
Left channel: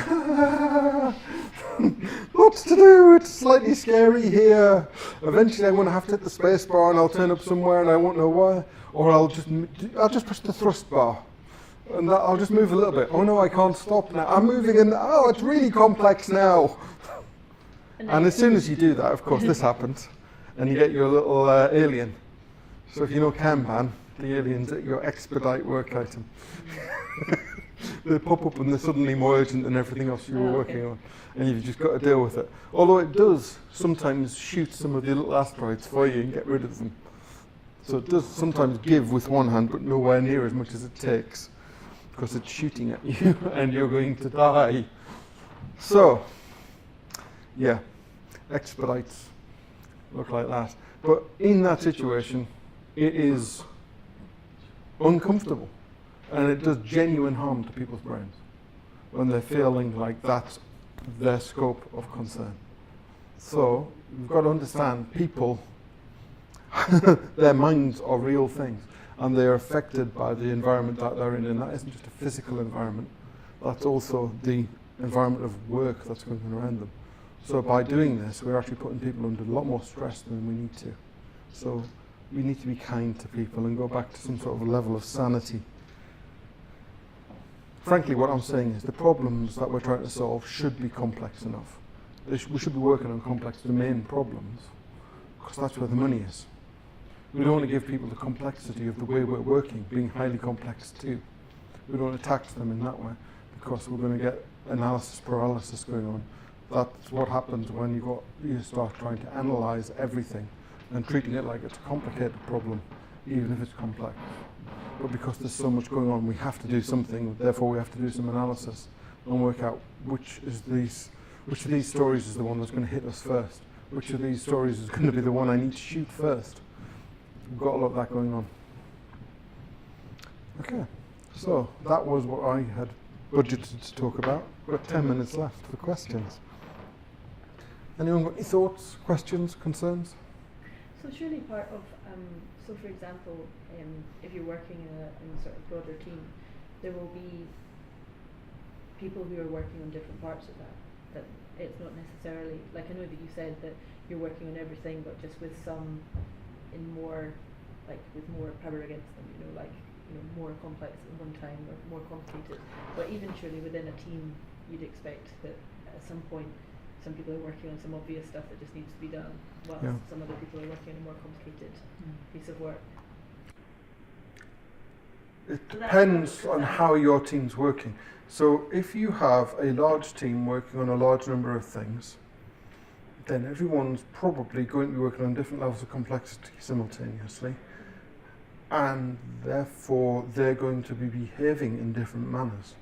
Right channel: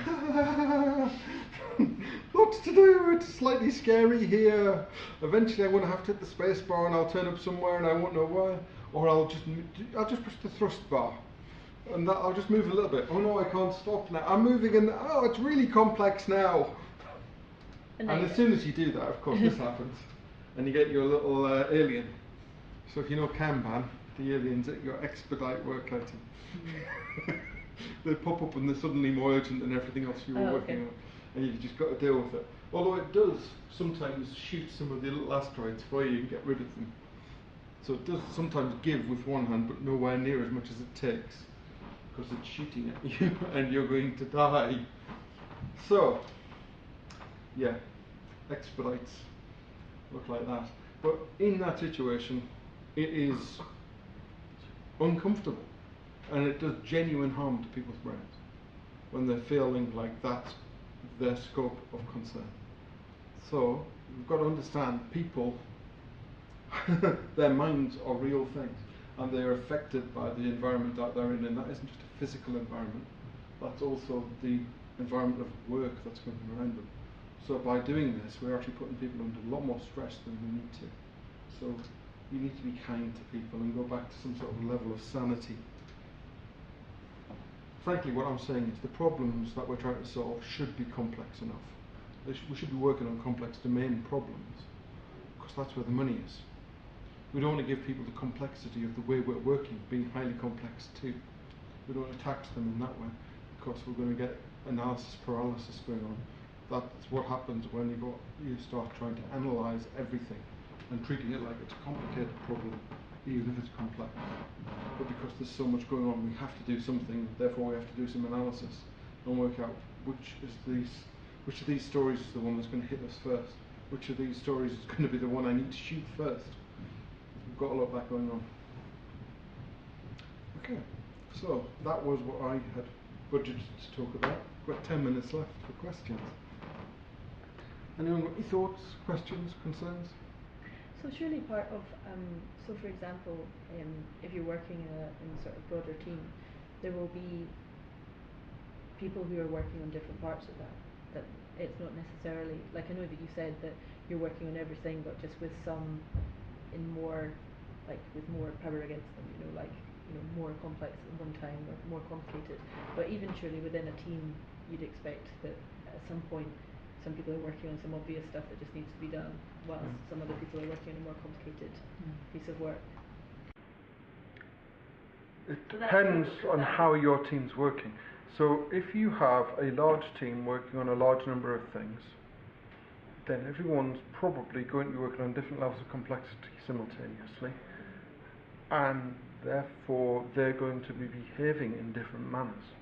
lots to do, it's slightly scary here. Eventually I'm going to have to hit the space bar and I'll turn up somewhere and I won't know why. Or I'll just push the thrust bar. And I'll just move a little bit. Oh no, I can't stop now. I'm moving in, oh, it's really complex now. And as soon as you do that, of course, this happens. And you get your little alien. So if you know Kanban, the aliens at your expedite work item. They pop up and they're suddenly more urgent than everything else you were working on. And you've just got to deal with it. Although it does sometimes shoot some of the little asteroids for you and get rid of them. So it does sometimes give with one hand, but nowhere near as much as it takes. Because it's shooting at you and you're going to die. So, yeah, expedites look like that. But in that situation, it is uncomfortable. And it does genuine harm to people's brains when they're feeling like that's their scope of concern. So you've got to understand people, their minds are real things, and they're affected by the environment that they're in, and that isn't just a physical environment, that's also the environment of work that's going around them. So by doing this, we're actually putting people under a lot more stress than we need to. So we need to be kind to people and go back to some sort of level of sanity. Frankly, what I'm saying is the problems that we're trying to solve should be complex enough. We should be working on complex domain problems, because that's where the money is. We don't want to give people the complexity of the way we're working, being highly complex too. We don't want to tax them in that way, because we're going to get analysis paralysis going on. That's what happens when you start trying to analyse everything and treating it like it's a complicated problem, even if it's complex. But because there's so much going on, we have to do something, therefore we have to do some analysis and work out which of these stories is the one that's going to hit us first. Which of these stories is going to be the one I need to shoot first. We've got a lot of that going on. Okay, so that was what I had budgeted to talk about. We've got 10 minutes left for questions. Anyone got any thoughts, questions, concerns? So surely part of, so for example, if you're working in a sort of broader team, there will be people who are working on different parts of that it's not necessarily, like I know that you said that you're working on everything, but just with some in more, like with more power against them, more complex at one time or more complicated. But even surely within a team, you'd expect that at some point some people are working on some obvious stuff that just needs to be done, whilst some other people are working on a more complicated piece of work. It depends on how your team's working. So if you have a large team working on a large number of things, then everyone's probably going to be working on different levels of complexity simultaneously, and therefore they're going to be behaving in different manners,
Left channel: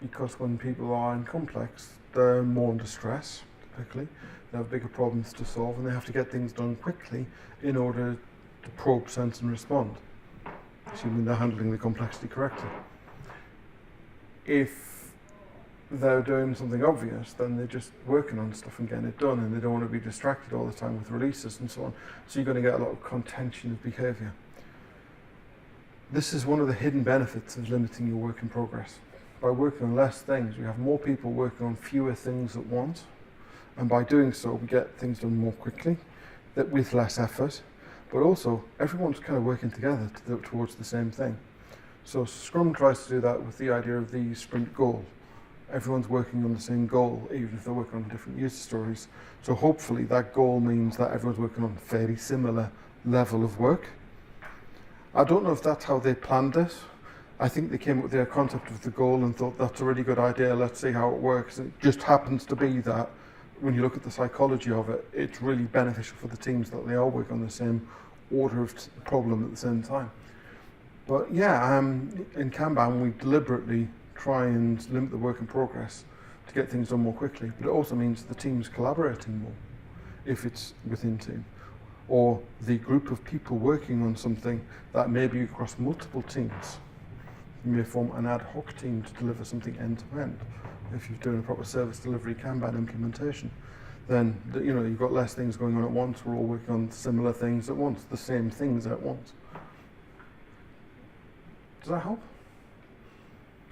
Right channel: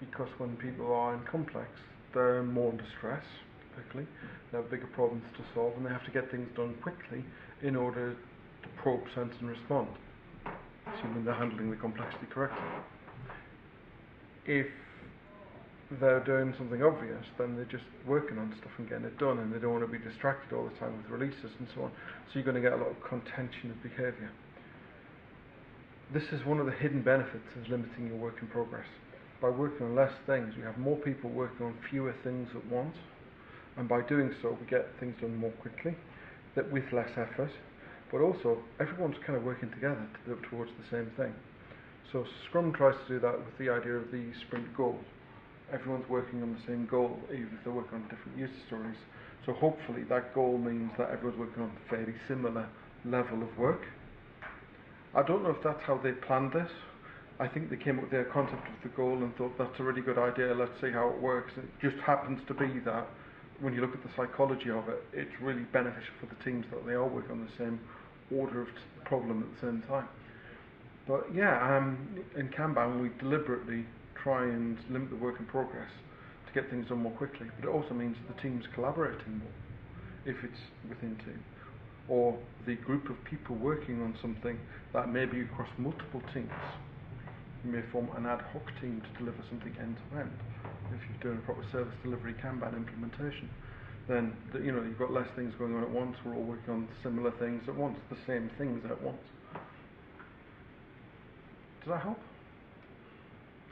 because when people are in complex, they're more under stress, typically. They have bigger problems to solve, and they have to get things done quickly in order to probe, sense and respond, assuming they're handling the complexity correctly. If they're doing something obvious, then they're just working on stuff and getting it done, and they don't want to be distracted all the time with releases and so on. So you're going to get a lot of contention of behaviour. This is one of the hidden benefits of limiting your work in progress. by working on less things, we have more people working on fewer things at once, and by doing so, we get things done more quickly, that with less effort, but also everyone's kind of working together towards the same thing. So Scrum tries to do that with the idea of the sprint goal. Everyone's working on the same goal, even if they're working on different user stories. So hopefully that goal means that everyone's working on a fairly similar level of work. I don't know if that's how they planned it. I think they came up with their concept of the goal and thought that's a really good idea, let's see how it works. It just happens to be that when you look at the psychology of it, it's really beneficial for the teams that they all work on the same order of problem at the same time. But yeah, in Kanban we deliberately try and limit the work in progress to get things done more quickly, but it also means the team's collaborating more if it's within team, or the group of people working on something that may be across multiple teams. You may form an ad hoc team to deliver something end to end. If you're doing a proper service delivery Kanban implementation, then you've got less things going on at once. We're all working on similar things at once, the same things at once. Does that help?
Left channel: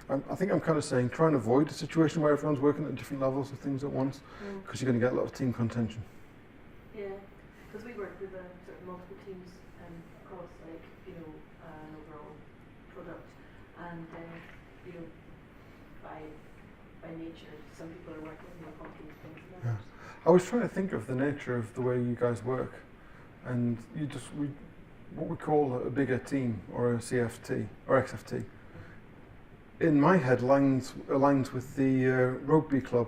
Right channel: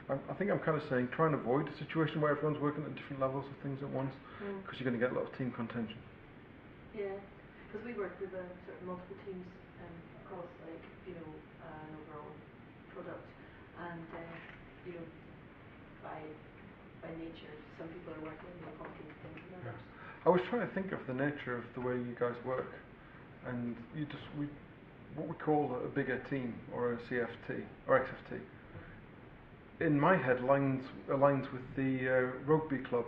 I think I'm kind of saying try and avoid a situation where everyone's working at different levels of things at once, because you're going to get a lot of team contention. Yeah, because we work with sort of multiple teams across an overall product, and by nature, some people are working more complex things than others. I was trying to think of the nature of the way you guys work, and what we call a bigger team or a CFT or XFT. In my head, aligns with the rugby club.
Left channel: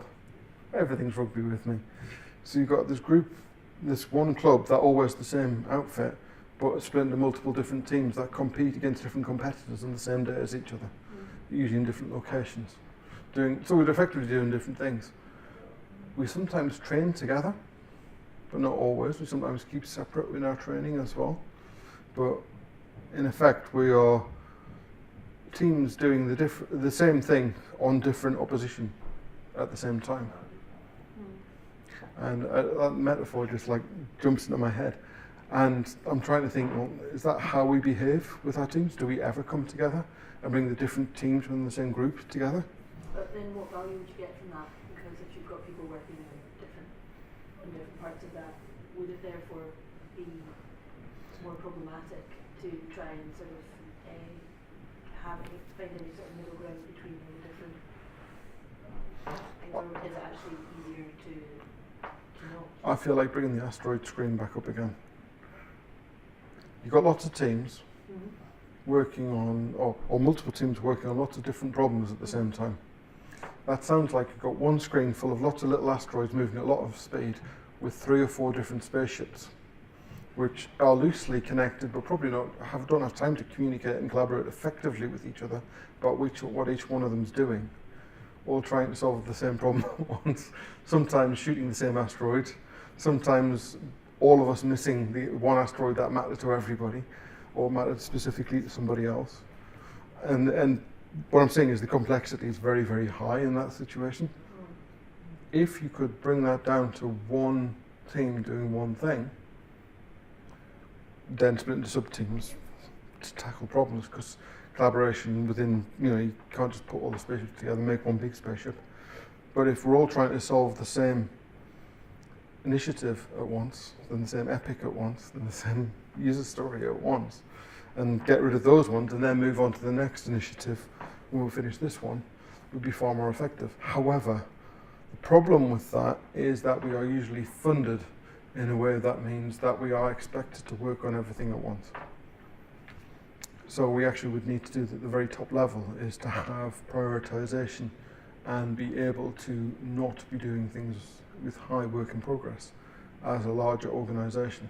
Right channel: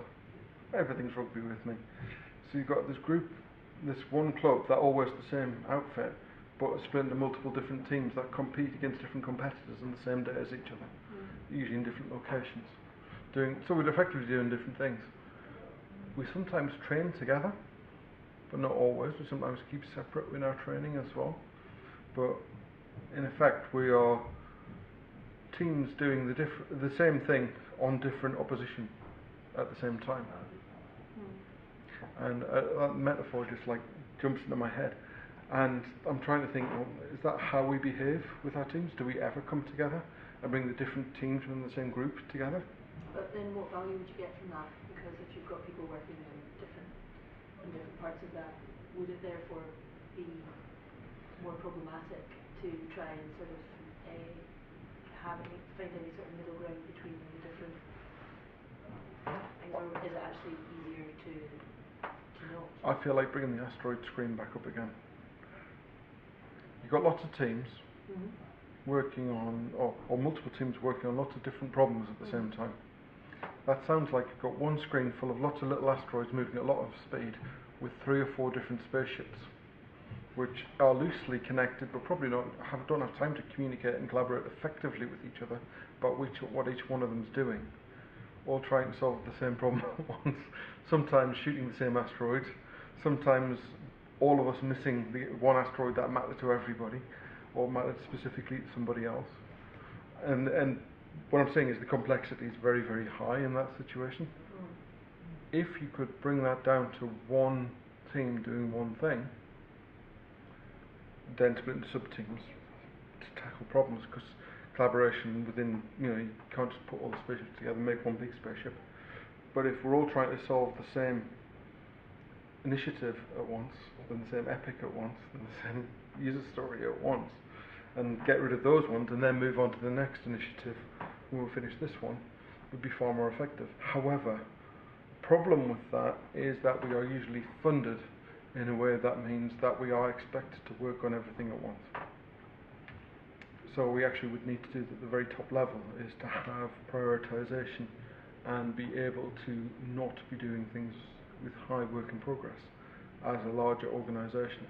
Everything's rugby with me. So you've got this group, this one club that all wears the same outfit, but it's split into multiple different teams that compete against different competitors on the same day as each other, usually in different locations. So we're effectively doing different things. We sometimes train together, but not always. We sometimes keep separate in our training as well. But in effect, we are teams doing the same thing on different opposition at the same time. And that metaphor just jumps into my head. And I'm trying to think, well, is that how we behave with our teams? Do we ever come together and bring the different teams within the same group together? But then what value would you get from that? Because if you've got people working in different parts of that, would it therefore be more problematic to try and sort of find any sort of middle ground between the different things, or is it actually easier to know? I feel like bringing the asteroid screen back up again. You've got lots of teams working on, or multiple teams working on lots of different problems at the same time. That sounds like you've got one screen full of lots of little asteroids moving at a lot of speed with 3 or 4 different spaceships, which are loosely connected but probably don't have time to communicate and collaborate effectively with each other about what each one of them is doing, all trying to solve the same problem at once, sometimes shooting the same asteroid, sometimes all of us missing the one asteroid that mattered to everybody or mattered specifically to somebody else. And what I'm saying is the complexity is very, very high in that situation. If you could bring that down to one team doing one thing, then split into sub-teams to tackle problems, because collaboration within, you can't just put all the spaceships together and make one big spaceship. But if we're all trying to solve the same initiative at once, then the same epic at once, then the same user story at once, and get rid of those ones and then move on to the next initiative when we finish this one, would be far more effective. However, the problem with that is that we are usually funded in a way that means that we are expected to work on everything at once. So we actually would need to do at the very top level is to have prioritization and be able to not be doing things with high work in progress as a larger organization.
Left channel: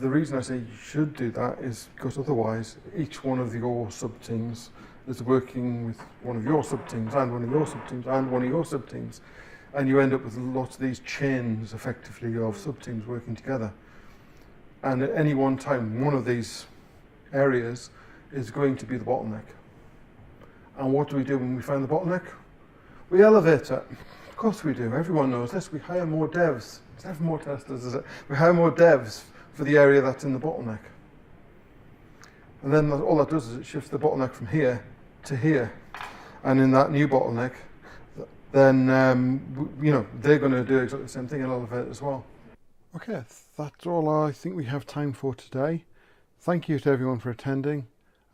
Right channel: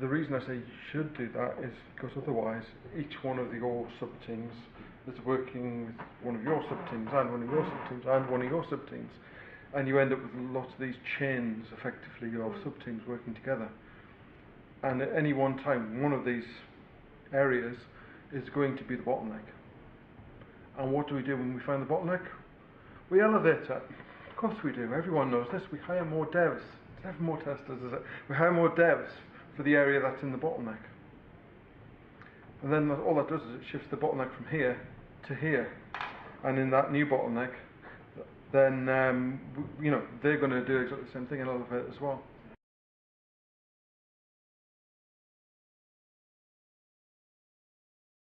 The reason I say you should do that is because otherwise each one of your sub-teams is working with one of your sub-teams and one of your sub-teams and one of your sub-teams, and you end up with lots of these chains effectively of sub-teams working together. And at any one time, one of these areas is going to be the bottleneck. And what do we do when we find the bottleneck? We elevate it. Of course we do. Everyone knows this. We hire more devs. It's never more testers, is it? We hire more devs for the area that's in the bottleneck. And then all that does is it shifts the bottleneck from here to here. and in that new bottleneck, then they're going to do exactly the same thing and elevate as well. Okay, that's all I think we have time for today. Thank you to everyone for attending,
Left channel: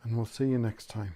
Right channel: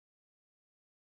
and we'll see you next time.